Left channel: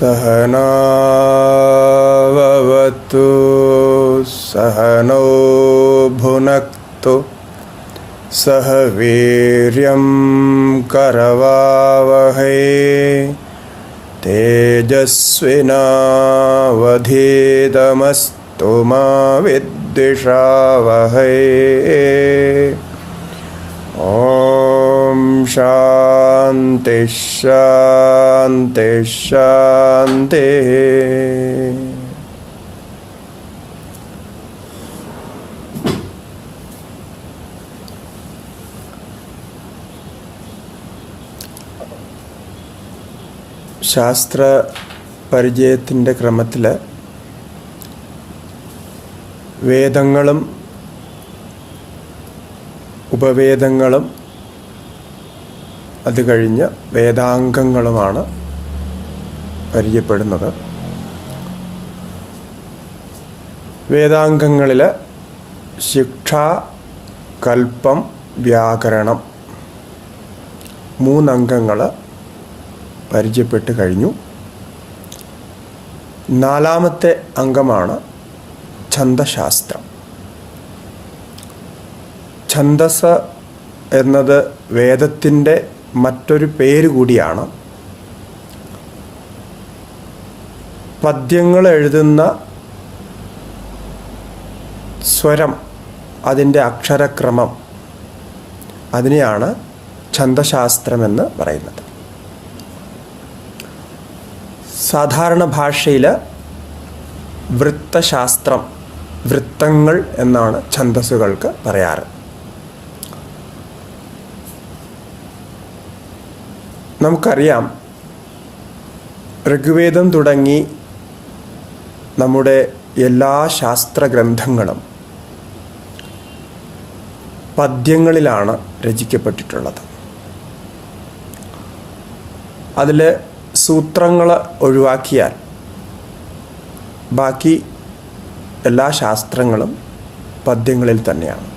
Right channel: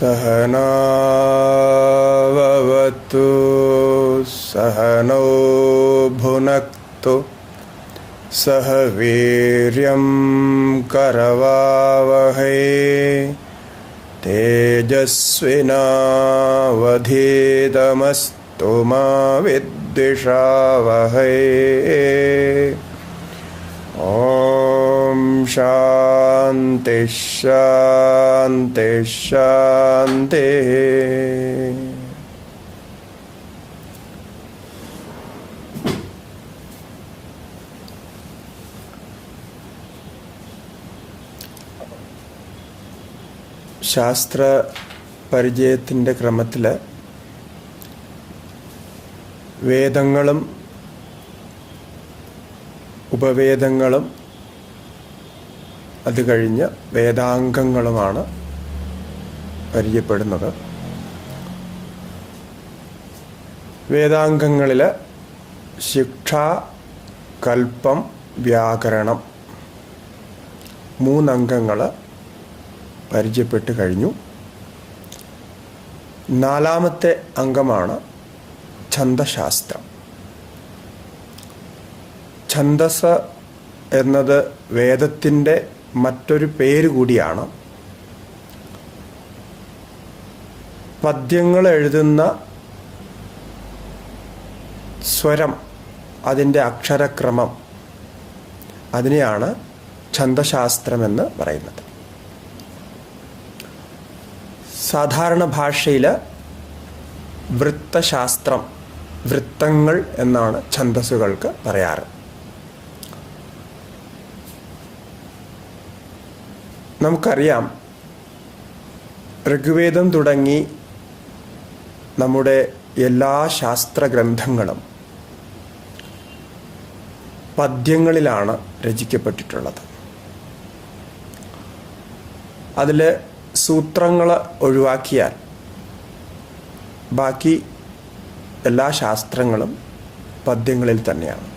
सहनाववतु सहनौ भुनक्तु सह वीर्यं करवावहै तेजस्विनावधीतमस्तु मा विद्विषावहै। ओम शांति शांति शांति। ശാസ്ത്ര പരിചയത്തിൻ്റെ ക്രമത്തിൽ വേദങ്ങളും ഉപവേദങ്ങളും അത് കഴിഞ്ഞ് വേദാംഗങ്ങളുമാണ് പരിചയപ്പെടുന്നത്. വേദാംഗങ്ങളിൽ ശിക്ഷ, കൽപ്പം, വ്യാകരണം മൂന്നംഗങ്ങൾ പരിചയപ്പെട്ട് കഴിഞ്ഞു. നാലാമത്തെ അംഗമാണ് ഛന്ദശാസ്ത്രം. ഛന്ദസ് എന്നത് വേദത്തിൻ്റെ മറ്റൊരു പേര് കൂടിയാണ്. പദ്യങ്ങൾ എഴുതുന്ന സ്വരം, അതിൻ്റെ അക്ഷരക്രമം, അതിനെയാണ് ഛന്ദശാസ്ത്രമെന്ന് പറയുന്നത്. സാധാരണ ഭാഷയിൽ വൃത്തശാസ്ത്രം, വൃത്തങ്ങൾ എന്നാണ് ഛന്ദസ്സുകൾക്ക് പറയാറ്. നമുക്കറിയാം, ഋഗ്വേദം തുടങ്ങി നമ്മുടെ എല്ലാ ശാസ്ത്രഗ്രന്ഥങ്ങളും പദ്യങ്ങളിലാണ് രചിക്കപ്പെട്ടിട്ടുള്ളത്. അതിൽ സൂത്രങ്ങൾ ഒഴിവാക്കിയാൽ ബാക്കി എല്ലാ ശാസ്ത്രങ്ങളും പദ്യങ്ങളിൽ തന്നെയാണ്.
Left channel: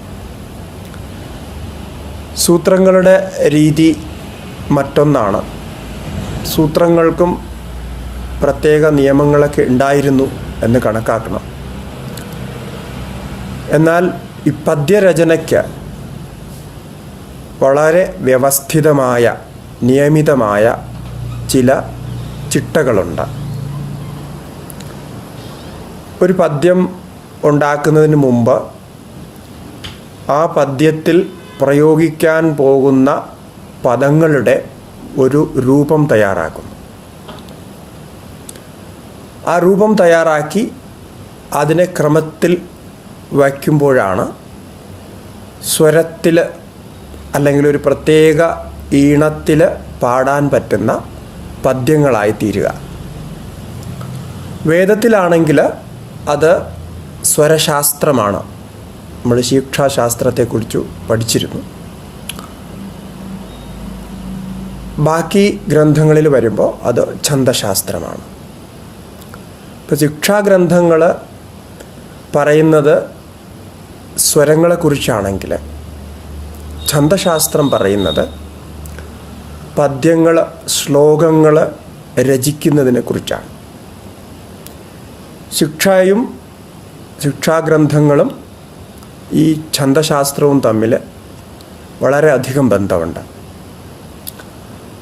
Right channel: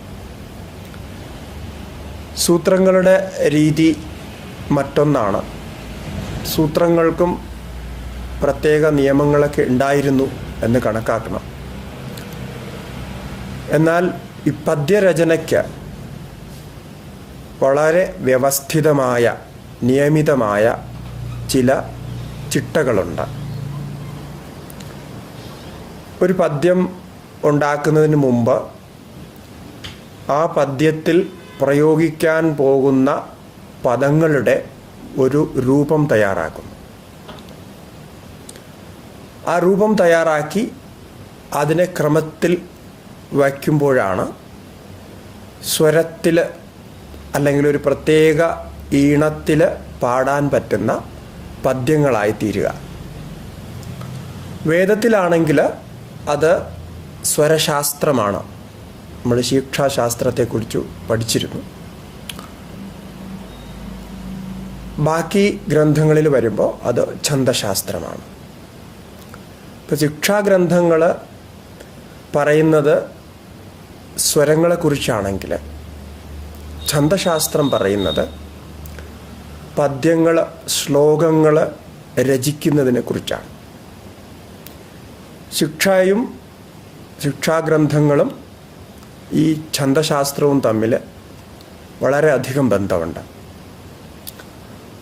സൂത്രങ്ങളുടെ രീതി മറ്റൊന്നാണ്. സൂത്രങ്ങൾക്കും പ്രത്യേക നിയമങ്ങളൊക്കെ ഉണ്ടായിരുന്നു എന്ന് കണക്കാക്കണം. എന്നാൽ ഈ പദ്യരചനയ്ക്ക് വളരെ വ്യവസ്ഥിതമായ, നിയമിതമായ ചില ചിട്ടകളുണ്ട്. ഒരു പദ്യം ഉണ്ടാക്കുന്നതിന് മുമ്പ് ആ പദ്യത്തിൽ പ്രയോഗിക്കാൻ പോകുന്ന പദങ്ങളുടെ ഒരു രൂപം തയ്യാറാക്കുന്നു. ആ രൂപം തയ്യാറാക്കി അതിനെ ക്രമത്തിൽ വയ്ക്കുമ്പോഴാണ് സ്വരത്തിൽ അല്ലെങ്കിൽ ഒരു പ്രത്യേക ഈണത്തിൽ പാടാൻ പറ്റുന്ന പദ്യങ്ങളായി തീരുക. വേദത്തിലാണെങ്കിൽ അത് സ്വരശാസ്ത്രമാണ്. നമ്മൾ ശിക്ഷാശാസ്ത്രത്തെക്കുറിച്ച് പഠിച്ചിരുന്നു. ബാക്കി ഗ്രന്ഥങ്ങളിൽ വരുമ്പോൾ അത് ഛന്ദശാസ്ത്രമാണ്. ഇപ്പോൾ ശിക്ഷാഗ്രന്ഥങ്ങൾ പറയുന്നത് സ്വരങ്ങളെക്കുറിച്ചാണെങ്കിൽ ഛന്ദശാസ്ത്രം പറയുന്നത് പദ്യങ്ങൾ, ശ്ലോകങ്ങൾ രചിക്കുന്നതിനെ കുറിച്ചാണ്. ശിക്ഷയും ശിക്ഷാഗ്രന്ഥങ്ങളും ഈ ഛന്ദശാസ്ത്രവും തമ്മിൽ വളരെയധികം ബന്ധമുണ്ട്.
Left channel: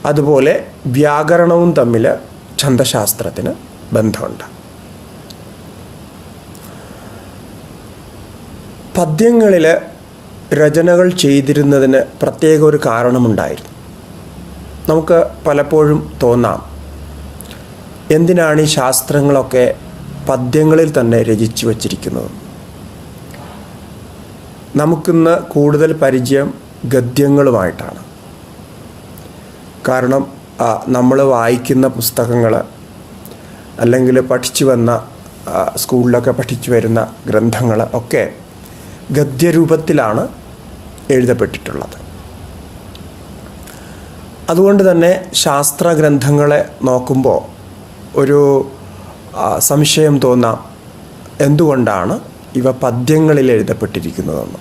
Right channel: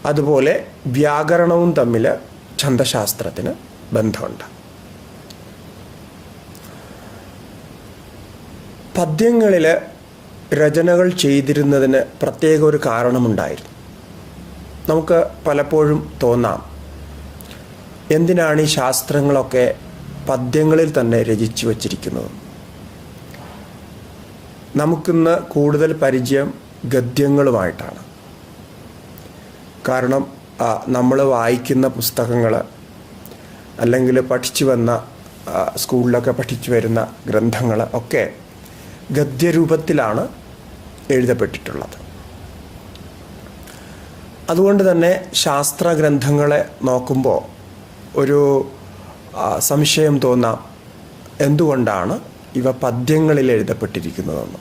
അതുപോലെ വ്യാകരണവും തമ്മിൽ ഛന്ദശാസ്ത്രത്തിന് ബന്ധമുണ്ട്. പദ്യങ്ങളിൽ രചനകൾ ചെയ്തിരുന്നതിന് പ്രത്യേക ഒരു കാരണമുണ്ടായിരുന്നു. നമുക്ക് പലപ്പോഴും തോന്നാം, എന്തിനാണ് ഈ ശാസ്ത്രങ്ങളൊക്കെ പദ്യങ്ങളിൽ തന്നെ രചിച്ചു വച്ചിരിക്കുന്നത്? നമുക്കിന്ന് കൂടുതൽ പരിചയം ഗദ്യങ്ങളുമായിട്ടാണ്. കാരണം നമ്മൾ വായിക്കുന്ന പുസ്തകങ്ങൾ അല്ലെങ്കിൽ പഠിച്ചു വന്ന സ്കൂളിലൊക്കെ പഠിച്ചു വരുന്ന ഗ്രന്ഥങ്ങൾ ഒക്കെ ഗദ്യരൂപത്തിലാണ് എഴുതപ്പെട്ടിട്ടുള്ളത്. അതുകൊണ്ട് തന്നെ ശാസ്ത്രഗ്രന്ഥങ്ങളെ നോക്കുമ്പോൾ ഒരു സംശയം തോന്നാം, എന്തുകൊണ്ടാണ് ഇവ പദ്യങ്ങളിൽ എഴുതപ്പെട്ടിരിക്കുന്നതെന്ന്.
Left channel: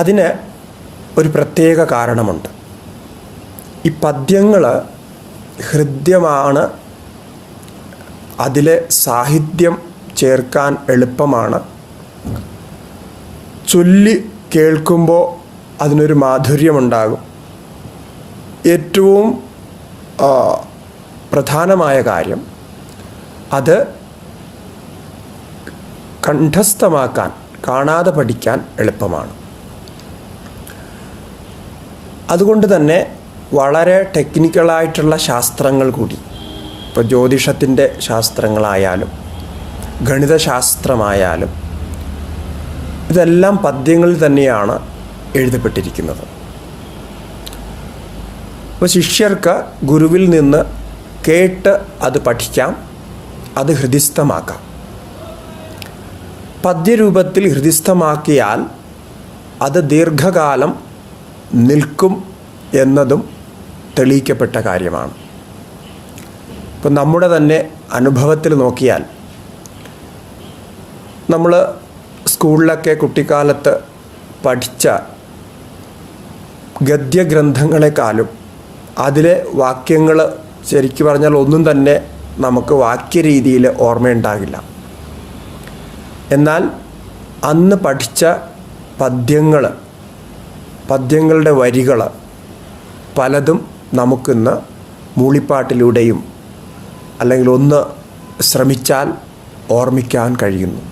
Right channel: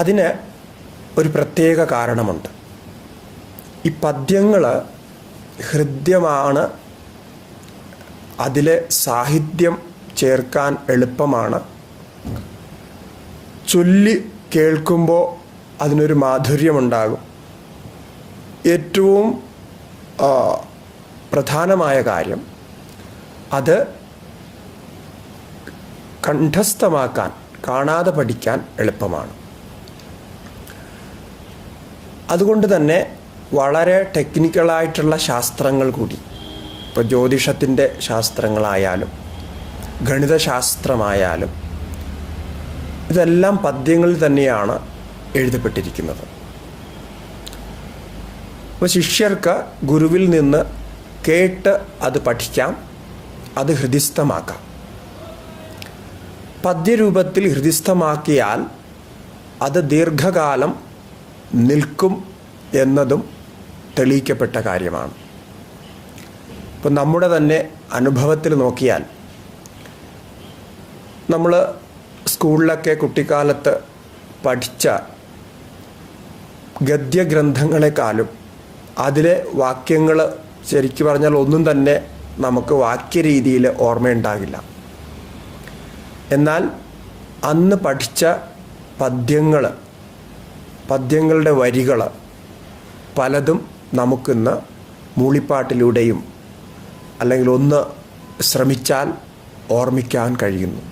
അതിന് ഒരു പ്രത്യേക കാരണമുണ്ട്. ഈ പദ്യങ്ങൾ ഹൃദ്യമാണ്, അതിലെ സാഹിത്യം ചേർക്കാൻ എളുപ്പമാണ്, ചൊല്ലി കേൾക്കുമ്പോൾ അതിനൊരു മാധുര്യമുണ്ടാകും. ഏറ്റവും പ്രധാനമായ കാര്യം അത് കണ്ഠസ്ഥമാക്കാൻ, കാണാതെ പഠിക്കാൻ എളുപ്പമാണ്. അതുകൊണ്ട് തന്നെ വളരെ ടെക്നിക്കലായിട്ടുള്ള ശാസ്ത്രങ്ങൾ കൂടി, ഇപ്പോൾ ജ്യോതിഷത്തിൻ്റെ ശാസ്ത്രങ്ങളായാലും ഗണിതശാസ്ത്രമായാലും ഇതെല്ലാം പദ്യങ്ങളിൽ തന്നെയാണ് എഴുതപ്പെട്ടിരിക്കുന്നത്. അപ്പോൾ ശിഷ്യർക്ക് ഗുരുവിൽ നിന്ന് കേട്ട് അത് പഠിക്കാം, അത് ഹൃദിസ്ഥമാക്കാം. പദ്യരൂപത്തിൽ ഹൃദിസ്ഥമാക്കിയാൽ അത് ദീർഘകാലം നിൽക്കും എന്നതും തെളിയിക്കപ്പെട്ട കാര്യമാണ്. ഇപ്പം നമ്മുടെ തന്നെ അനുഭവത്തിൽ നോക്കിയാൽ, നമ്മൾ സ്കൂളിലൊക്കെ കുട്ടിക്കാലത്ത് പഠിച്ച ഗദ്യഗ്രന്ഥങ്ങളെക്കാളും അതിലെ വാക്യങ്ങൾ ശരിക്കു പറഞ്ഞാൽ ഒന്നും തന്നെ നമുക്ക് വാക്യരീതിയിൽ ഓർമ്മയുണ്ടാകില്ല. എന്നാൽ അന്ന് പഠിച്ച പദ്യങ്ങളുടെ വരികൾ പലതും നമുക്കിന്ന് മൂളിപ്പാട്ടിലൂടെയും അല്ലെങ്കിൽ ഒന്ന് ശ്രമിച്ചാൽ ഓർമ്മിക്കാൻ കഴിയുന്നു.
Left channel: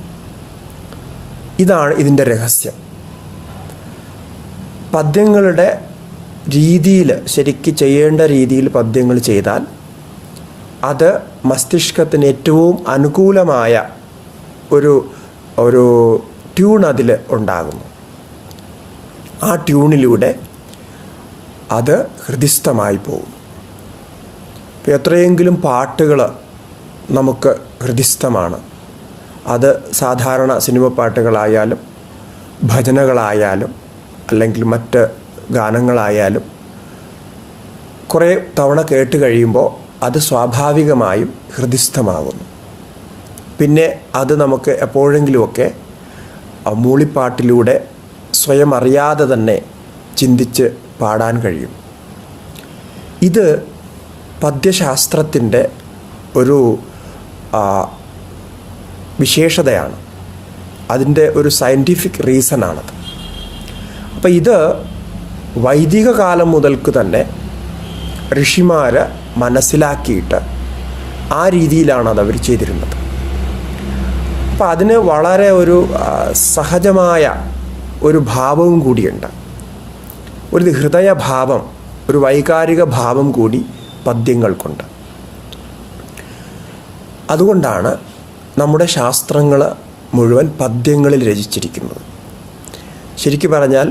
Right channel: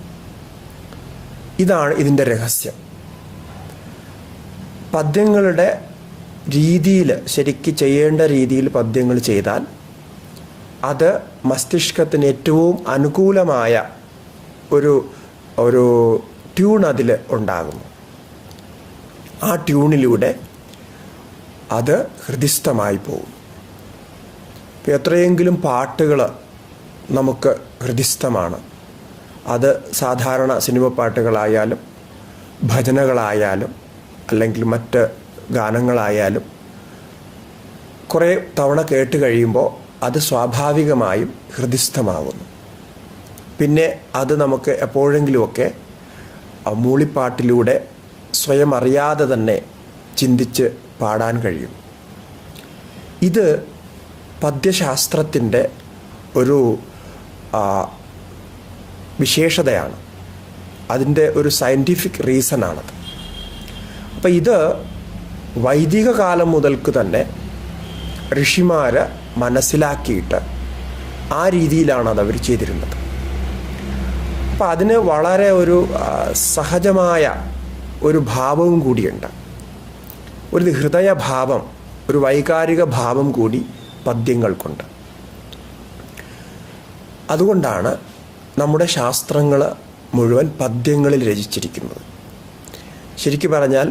ഇതാണ് ഇതിൻ്റെ രഹസ്യം. പദ്യങ്ങളുടെ രീതിയിൽ, ശരിക്ക് ചെയ്യേണ്ട രീതിയിൽ പദ്യങ്ങൾ ചെയ്താൽ അത് മസ്തിഷ്കത്തിന് ഏറ്റവും അനുകൂലമായ ഒരു ട്യൂൺ അതിൽ ഉണ്ടാകുന്നു. ആ ട്യൂണിലൂടെ അത് ഹൃദിസ്ഥമായി പോകും. എത്രയെങ്കിലും പാട്ടുകൾ നമുക്ക് ഹൃദിസ്ഥമാണ്. അത് സാധാരണ സിനിമ പാട്ടുകളായാലും ഭജനകളായാലും അല്ലെങ്കിൽ മറ്റ് ഗാനങ്ങളായാലും കുറേ തവണ കേട്ട് കഴിയുമ്പോൾ അത് സ്വാഭാവികമായും ഹൃദിസ്ഥമാകുന്നു. പിന്നെ അത് നമുക്ക് എപ്പോഴെങ്കിലുമൊക്കെ മൂളിപ്പാട്ടിലൂടെ സ്വയം അറിയാതെ തന്നെ ചിന്തിച്ച് പാടാൻ കഴിയും. ഇത് പദ്യശാസ്ത്രത്തിൻ്റെ ഒരു വിശേഷതയാണ്. അതിൻ്റെ ഒരു സയൻറ്റിഫിക് റീസണാണത്. അപ്പം ഇത് വൈദിക കാലം മുതൽക്ക് തന്നെ ഋഷിമാർ മനസ്സിലാക്കിയിട്ട് ആ രീതിയിലാണ് അത് അവർ ചെയ്തിരുന്നത്. അപ്പം അതിന് വളരെ ഒരു സഹജമായ ഒരു ഭാവവും കൂടിയുണ്ട്. ഒരു ഹൃദയഭാവം, ഒരു വൈകാരിക ഭാവം കൂടി പദ്യങ്ങൾക്കുണ്ട്. അതുകൊണ്ടാണ് നമ്മുടെ ശാസ്ത്രങ്ങൾ മുഴുവൻ പദ്യങ്ങളിൽ രചിച്ചിരിക്കുന്നത്. ശരിക്കു പറഞ്ഞാൽ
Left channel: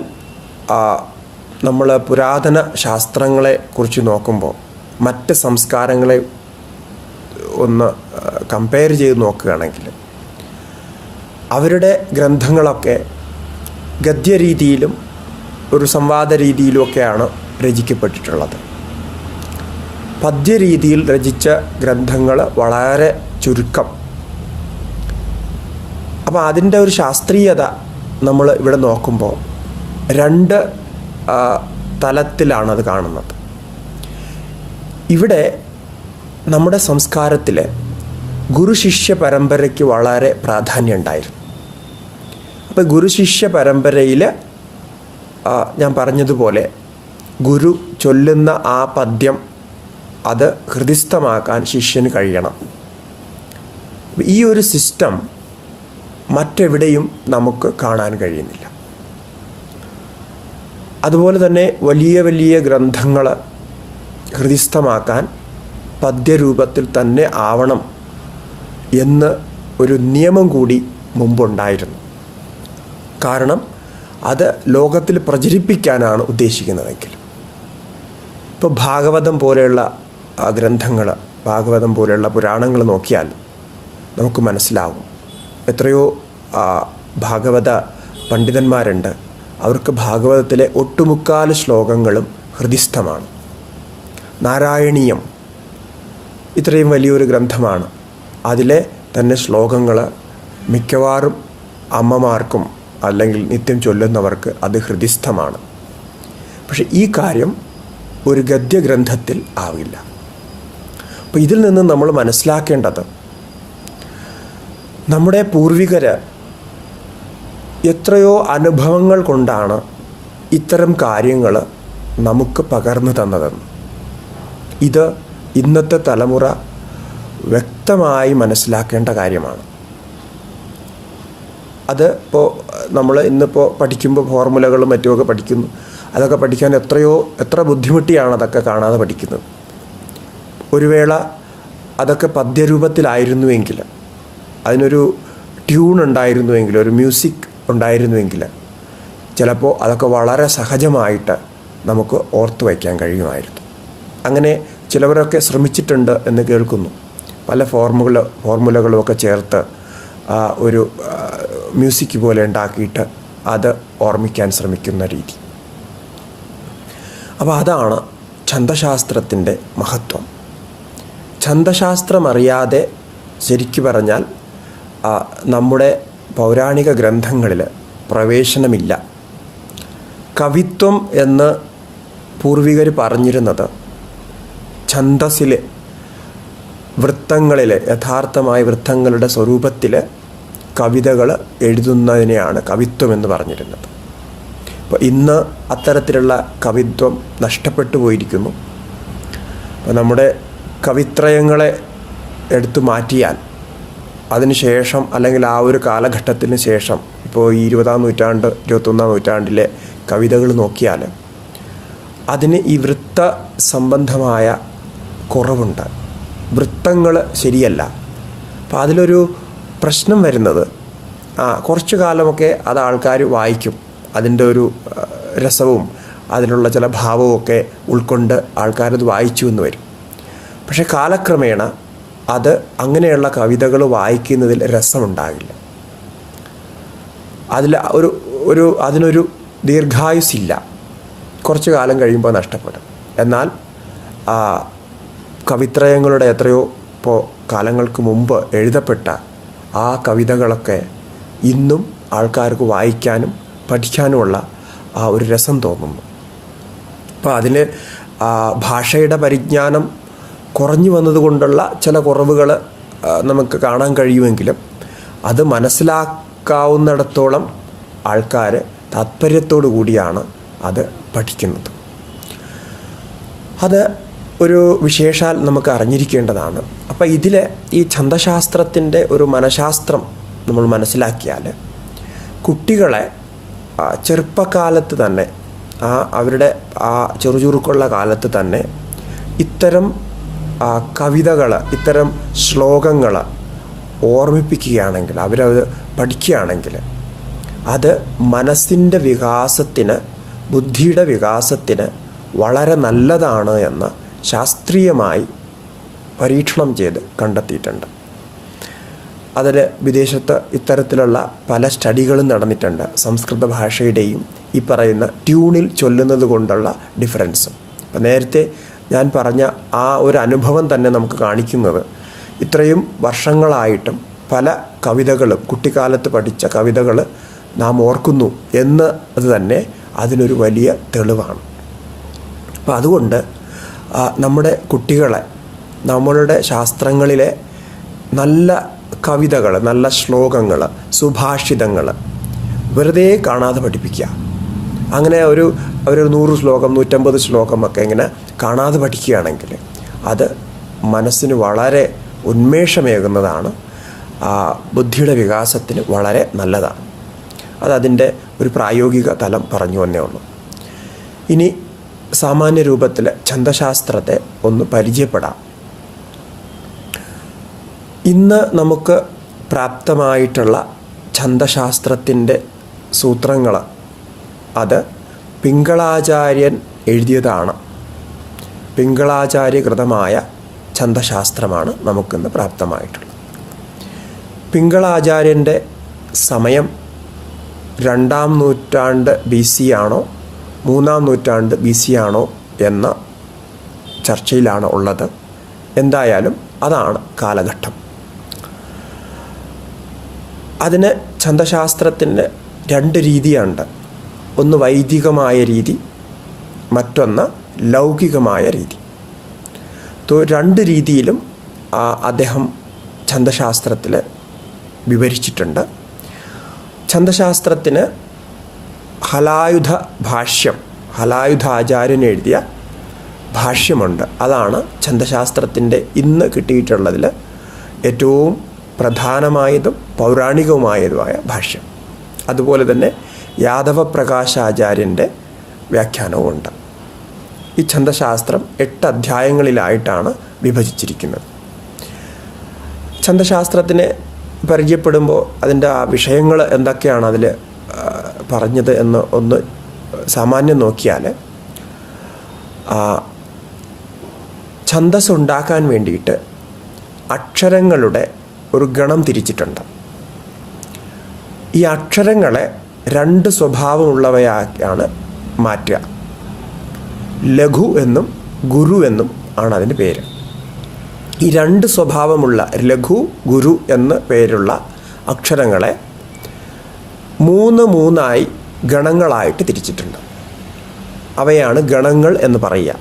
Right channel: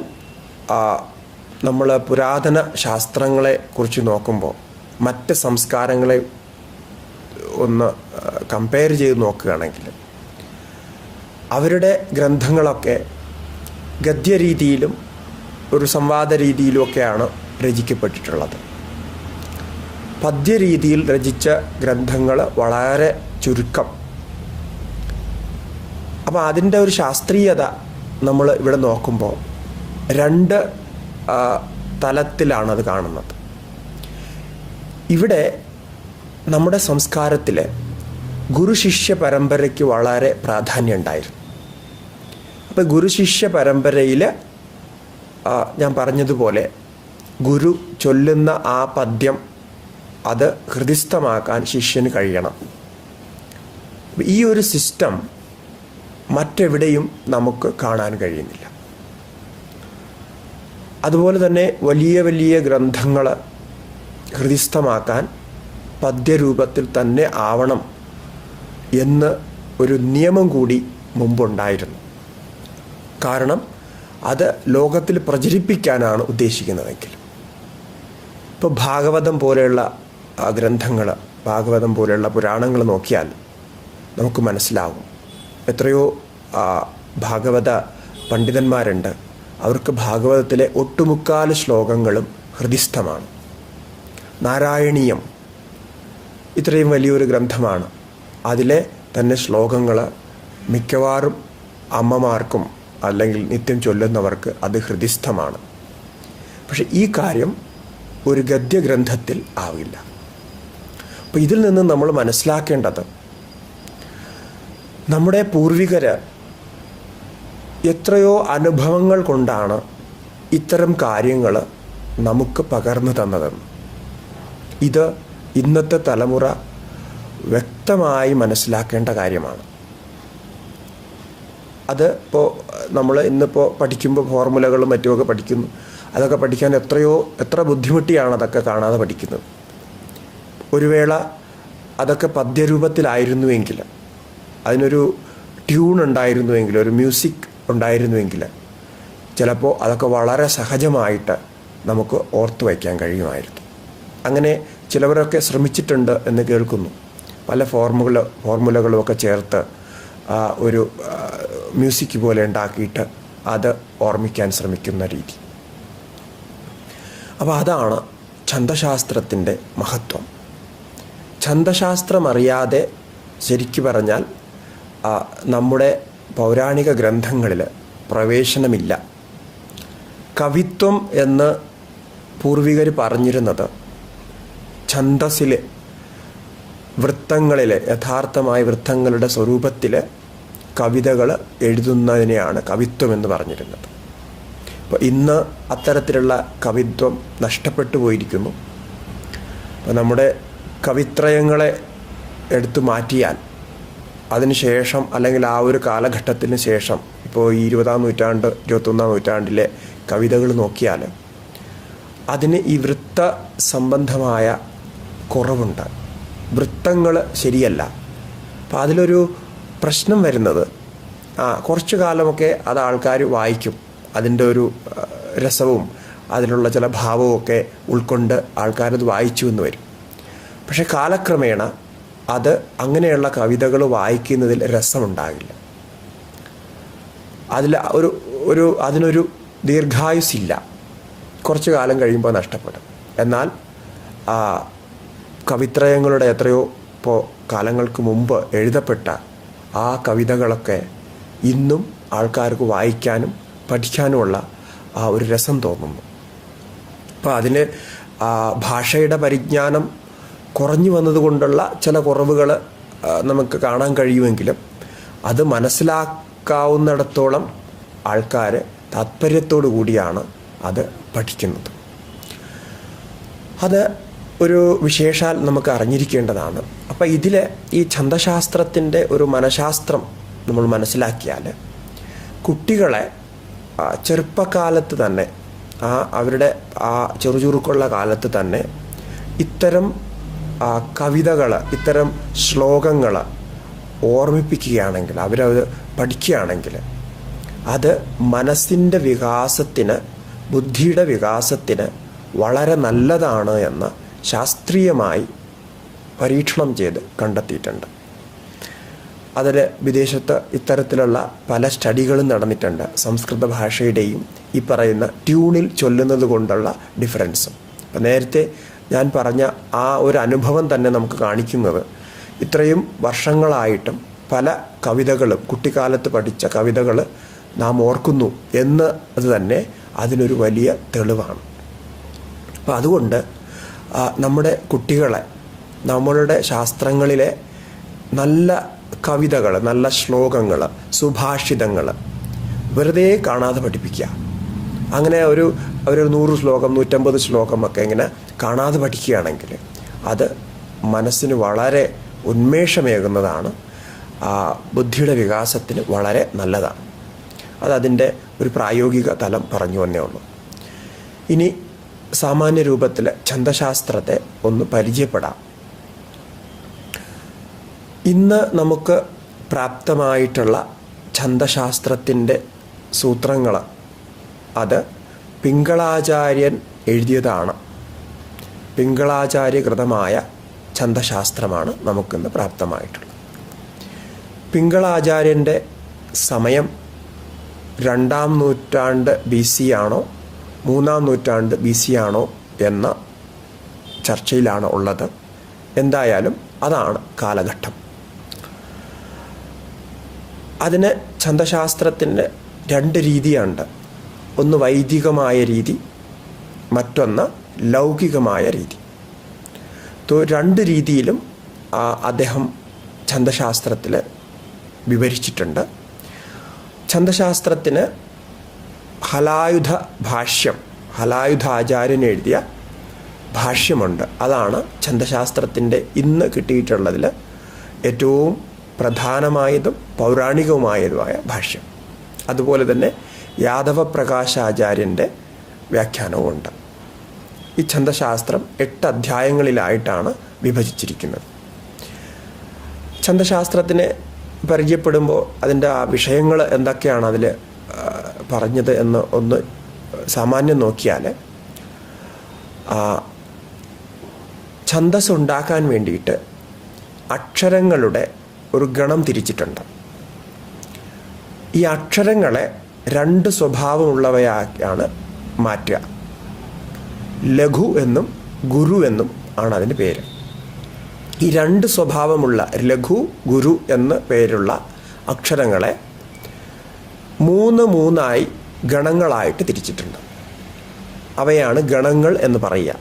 നമ്മൾ പുരാതന ശാസ്ത്രങ്ങളെ കുറിച്ച് നോക്കുമ്പോൾ മറ്റ് സംസ്കാരങ്ങളെ ഒന്ന് കമ്പയർ ചെയ്ത് നോക്കുകയാണെങ്കിൽ അവരുടെ ഗ്രന്ഥങ്ങളൊക്കെ ഗദ്യരീതിയിലും ഒരു സംവാദ രീതിയിലുമൊക്കെയാണ് രചിക്കപ്പെട്ടിട്ടുള്ളത്. പദ്യരീതിയിൽ രചിച്ച ഗ്രന്ഥങ്ങൾ വളരെ ചുരുക്കം. അപ്പോൾ അതിൻ്റെ ഒരു ശാസ്ത്രീയത നമ്മൾ ഇവിടെ നോക്കുമ്പോൾ രണ്ട് തലത്തിലാണത് കാണുന്നത്. ഇവിടെ നമ്മുടെ സംസ്കാരത്തിൽ ഗുരുശിഷ്യ പരമ്പരയ്ക്ക് വളരെ പ്രാധാന്യം ഉണ്ടായിരുന്നു. അപ്പോൾ ഗുരുശിഷ്യ പരമ്പരയിൽ ഞാൻ പറഞ്ഞതുപോലെ ഗുരു ചൊല്ലുന്ന ആ പദ്യം അത് ഹൃദിസ്ഥമാക്കാൻ ശിഷ്യന് കഴിയണം. ഈ ഒരു സിസ്റ്റം മറ്റെവിടെയും നമുക്ക് കാണാൻ കഴിയുന്നില്ല. അതുപോലെ തന്നെ വലിയ വലിയ ഗ്രന്ഥങ്ങൾ ഹൃദിസ്ഥമാക്കാൻ പദ്യരൂപത്തിൽ തന്നെ ആവണം എന്ന് ഒരു നിയമം കൂടി മുമ്പുണ്ടായിരുന്നു. കാരണം അത് ലോകത്തിൽ പ്രചരിപ്പിക്കാനാണ് ഉദ്ദേശിക്കുന്നതെങ്കിൽ. ഇപ്പോൾ ഭാഗവതം പോലെയുള്ള ഗ്രന്ഥങ്ങൾ, ഭാഗവതം പോലെയുള്ള പുരാണങ്ങൾ നോക്കിയാൽ നമുക്ക് മനസ്സിലാവും. എത്രയോ ഭാഗവത പണ്ഡിതന്മാരുണ്ട്, അവർക്ക് ഭാഗവതത്തിലെ ഒട്ടുമുക്കാൽ ശ്ലോകങ്ങളും ഹൃദിസ്ഥമാണ്. നാരായണീയം ഇത്രയും വലിയൊരു ഗ്രന്ഥമാണ്. അതിലെ തന്നെ ശ്ലോകങ്ങൾ മിക്കവാറും അമ്മമാർക്കും അല്ലെങ്കിൽ നിത്യം ചൊല്ലുന്നവർക്ക് അത് ഹൃദിസ്ഥമാണ്. പക്ഷെ ഈ കാര്യം ഒരു ഗദ്യഗ്രന്ഥത്തിൽ ആവില്ല. അപ്പോൾ ഇതിൽ നിന്ന് നമ്മൾ മനസ്സിലാക്കേണ്ടത്, നമ്മുടെ പൂർവികർ എത്രയോ അനുഭവങ്ങൾ കൊണ്ടാണ് ഇത്തരം കാര്യങ്ങൾ നമുക്ക് പകർന്നു തന്നതെന്ന്. ഇത് ഇന്നത്തെ തലമുറ വ്യക്തമായി മനസ്സിലാക്കേണ്ട കാര്യമാണ്. അത് ഇപ്പോൾ നമ്മൾ ഇന്നിപ്പോൾ പഠിക്കുമ്പോൾ ഫോർമുലകളും മറ്റുമൊക്കെ പഠിക്കുന്നു. അതൊക്കെ പഠിക്കാൻ എത്ര ബുദ്ധിമുട്ടിയാണ് അതൊക്കെ കാണാതെ പഠിക്കുന്നത്. ഒരു വേള അതൊക്കെ പദ്യരൂപത്തിലായിരുന്നുവെങ്കിൽ, അതിനൊരു ട്യൂൺ ഉണ്ടായിരുന്നുവെങ്കിൽ, ഒരു മ്യൂസിക് ഉണ്ടായിരുന്നുവെങ്കിൽ ചിലപ്പോൾ അതൊക്കെ വളരെ സഹജമായിട്ട് നമുക്ക് ഓർത്തു വയ്ക്കാൻ കഴിയുമായിരുന്നു. അങ്ങനെ ചിലവരൊക്കെ ശ്രമിച്ചിട്ടുണ്ട് എന്ന് കേൾക്കുന്നു. പല ഫോർമുലകളുമൊക്കെ ചേർത്ത് ഒരു മ്യൂസിക് പോലെ ഉണ്ടാക്കിയിട്ട് അത് ഓർമ്മിക്കാൻ ശ്രമിക്കുന്ന രീതി. അപ്പോൾ അതാണ് ഛന്ദശാസ്ത്രത്തിൻ്റെ മഹത്വം. ഛന്ദശാസ്ത്രം അറിയാതെ ശരിക്കു പറഞ്ഞാൽ നമ്മുടെ പൗരാണിക ഗ്രന്ഥങ്ങളിൽ പ്രവേശനമില്ല. കവിത്വം എന്ന് പൂർവികർ പറഞ്ഞിരുന്നത് ഛന്ദസ്സിലെ വൃത്തങ്ങളിലെ, യഥാർത്ഥമായ വൃത്തങ്ങളുടെ സ്വരൂപത്തിൽ കവിതകൾ എഴുതുന്നതിനെയാണ് കവിത്വം എന്ന് പറഞ്ഞിരുന്നത്. അപ്പോൾ ഇന്ന് അത്തരത്തിലുള്ള കവിത്വം നഷ്ടപ്പെട്ടു പോയിരിക്കുന്നു. അപ്പോൾ നമ്മുടെ കവിത്രയങ്ങളെ എടുത്തു മാറ്റിയാൽ അതിനുശേഷം, അല്ലെങ്കിൽ ആ ഒരു കാലഘട്ടത്തിന് ശേഷം, ഇപ്പോൾ ഈ 20-ാം നൂറ്റാണ്ട് 21-ാം നൂറ്റാണ്ടിലെ കവിതകൾ നോക്കിയാൽ അതിന് ഈ വൃത്ത സംബന്ധമായ കുറവുണ്ട്. വൃത്തങ്ങൾ ശരിയല്ല. അപ്പോൾ അതിലൊരു പ്രശ്നം വരുന്നത്, കുറച്ചു കാലമൊക്കെ അത് ആൾക്കാർ വായിക്കും, അതിൻ്റെ ഒരു രസവും അതിലുള്ള ചില ഭാവവും ഒക്കെ ഉൾക്കൊണ്ട് ആൾക്കാരത് വായിച്ചു എന്ന് വരും. പക്ഷെ കാലക്രമേണ അത് അങ്ങനെയുള്ള കവിതകൾ വായിക്കുന്നതിൽ രസമുണ്ടാകില്ല. അതിനൊരു ദീർഘായുസില്ല. കുറച്ചു കാലം കഴിയുമ്പോൾ നഷ്ടപ്പെടും. എന്നാൽ കവിത്രയങ്ങളുടെ എത്രയോ കാലങ്ങൾക്ക് മുമ്പ് എഴുതപ്പെട്ട ആ കവിതകളൊക്കെ ഇന്നും ആൾക്കാർക്ക് വായിക്കാനും പഠിക്കാനുമുള്ള ആ ഒരു രസം തോന്നുന്നു. അപ്പോൾ അതിന് ഭാഷയുടെ പരിജ്ഞാനം കുറഞ്ഞു വന്നതുകൊണ്ടുള്ള ചില കുറവുകൾ നമുക്ക് കാണാൻ കഴിയുമെങ്കിലും അത് മനസ്സിലാക്കാവുന്നിടത്തോളം ആൾക്കാർ താത്പര്യത്തോടു കൂടിയാണ് അത് പഠിക്കുന്നത്. അത് ഒരു വിശേഷാൽ നമുക്ക് അറിഞ്ഞിരിക്കേണ്ടതാണ്. അപ്പം ഇതിൽ ഈ ഛന്ദശാസ്ത്രത്തിൻ്റെ ഒരു മനഃശാസ്ത്രം നമ്മൾ മനസ്സിലാക്കിയാൽ കുട്ടികളെ ചെറുപ്പകാലത്ത് തന്നെ, അവരുടെ ആ ചെറുചുറുക്കുള്ള കാലത്ത് തന്നെ ഇത്തരം കവിതകൾ, ഇത്തരം ശ്ലോകങ്ങൾ ഓർമ്മിപ്പിക്കുകയാണെങ്കിൽ, അവരത് പഠിക്കുകയാണെങ്കിൽ അത് മനസ്സിൻ്റെ വികാസത്തിന്, ബുദ്ധിയുടെ വികാസത്തിന് വളരെ നല്ലതാണ് എന്ന് ശാസ്ത്രീയമായി പരീക്ഷണം ചെയ്ത് കണ്ടെത്തിയിട്ടുണ്ട്. അതിൽ വിദേശത്ത് ഇത്തരത്തിലുള്ള പല സ്റ്റഡികളും നടന്നിട്ടുണ്ട്. സംസ്കൃത ഭാഷയുടെയും ഈ പറയുന്ന ട്യൂണിൽ ചൊല്ലുന്നത് കൊണ്ടുള്ള ഡിഫറൻസും. നേരത്തെ ഞാൻ പറഞ്ഞ ആ ഒരു അനുഭവം തന്നെ നമുക്ക് കാണിക്കുന്നത്, ഇത്രയും വർഷങ്ങളായിട്ടും പല കവിതകളും, കുട്ടിക്കാലത്ത് പഠിച്ച കവിതകൾ നാം ഓർക്കുന്നു എന്ന് അത് തന്നെ അതിനൊരു വലിയ തെളിവാണ്. അപ്പം അതുകൊണ്ട് നമ്മുടെ കുട്ടികളെ നമ്മളുടെ ശാസ്ത്രങ്ങളിലെ നല്ല കവിതകൾ, നല്ല ശ്ലോകങ്ങൾ, സുഭാഷിതങ്ങൾ വെറുതെ കാണാതെ പഠിപ്പിക്കുക. അങ്ങനെ ഒരു 100 ശ്ലോകം 150 ശ്ലോകമൊക്കെ ഇങ്ങനെ കാണാതെ പഠിക്കുകയാണെങ്കിൽ അത് മനസ്സിന് വളരെ ഉന്മേഷമേകുന്നതാണ്, ബുദ്ധിയുടെ വികാസത്തിന് വളരെ നല്ലതാണ്. അതതിൻ്റെ ഒരു പ്രായോഗിക തലം പറഞ്ഞു വന്നേ ഉള്ളൂ. ഇനി സാമാന്യ രൂപത്തിൽ ഛന്ദശാസ്ത്രത്തെ ഒന്ന് പരിചയപ്പെടാം. ഇന്ന് നമുക്ക് പ്രാപ്തമായിട്ടുള്ള ഛന്ദശാസ്ത്രത്തിൻ്റെ സൂത്രങ്ങൾ അത് പിംഗളാചാര്യൻ എഴുതിയതാണ്. പിംഗളാചാര്യകൃതമായ ഛന്ദശാസ്ത്രമാണ് നമുക്കിന്ന് പ്രാപ്തമായിട്ടുള്ളത്. പിംഗളാചാര്യൻ്റെ സമയം 2-ാം നൂറ്റാണ്ട് BC ആണോ 3-ാം നൂറ്റാണ്ട് BC ആണോ എന്ന ചർച്ചയിലാണ് ഉള്ളത്. എന്തായാലും അതാണ് കാലഘട്ടം. അതിന് ഛന്ദശാസ്ത്രത്തിൻ്റെ 2 രീതിയുണ്ട്. ഒന്ന് വൈദികമായ രീതി, മറ്റൊന്ന് ലൗകികമായ രീതി. രണ്ട് രീതിയിലും അദ്ദേഹം ഛന്ദശാസ്ത്രത്തിൽ വിവരിച്ചിട്ടുണ്ട്. ഛന്ദശാസ്ത്രത്തിന് ഹലായുധ ഭാഷ്യം, ഹലായുധ ആചാര്യൻ എഴുതിയ ഭാഷ്യമുണ്ട്. അതാണ് ഛന്ദശാസ്ത്രത്തിൻ്റെ ഇന്ന് കിട്ടിയിട്ടുള്ളതിൽ ഏറ്റവും പ്രധാനമായതും പൗരാണികവുമായതുമായ ഭാഷ്യം. അതുപോലെ തന്നെ യാദവ പ്രകാശാചാര്യൻ്റെ വ്യാഖ്യാനവുമുണ്ട്. ഈ ഛന്ദശാസ്ത്രം 8 അധ്യായങ്ങളിലായിട്ടാണ് വിഭജിച്ചിരിക്കുന്നത്. ഛന്ദശാസ്ത്രത്തിനെ പരിചയപ്പെടുമ്പോൾ അതിൻ്റെ ആ വിഷയങ്ങൾ എന്തൊക്കെയാണ് അതിൽ പറഞ്ഞത് എന്ന് ഒന്ന് സാമാന്യം നോക്കിയാൽ, ഛന്ദസ് ഉണ്ടാക്കാൻ വേണ്ടിയിട്ട് അക്ഷരങ്ങളുടെ ഒരു ഗണം തിരിച്ചിട്ടുണ്ട്. ഈ അക്ഷരങ്ങളെ 2 സ്വഭാവമുള്ളവയായാണ് മാറ്റുക. ലഘു എന്നും ഗുരു എന്നും ആണ് അതിന് പേര്. ഈ 2 സ്വഭാവമുള്ള ലഘു, ഗുരു എന്ന് പേരുള്ള അക്ഷരങ്ങളെ 3 ഗണങ്ങളായിട്ട് തിരിച്ചിട്ടുണ്ട്. അവയാണ് ഗണങ്ങൾ എന്ന് പറയുക.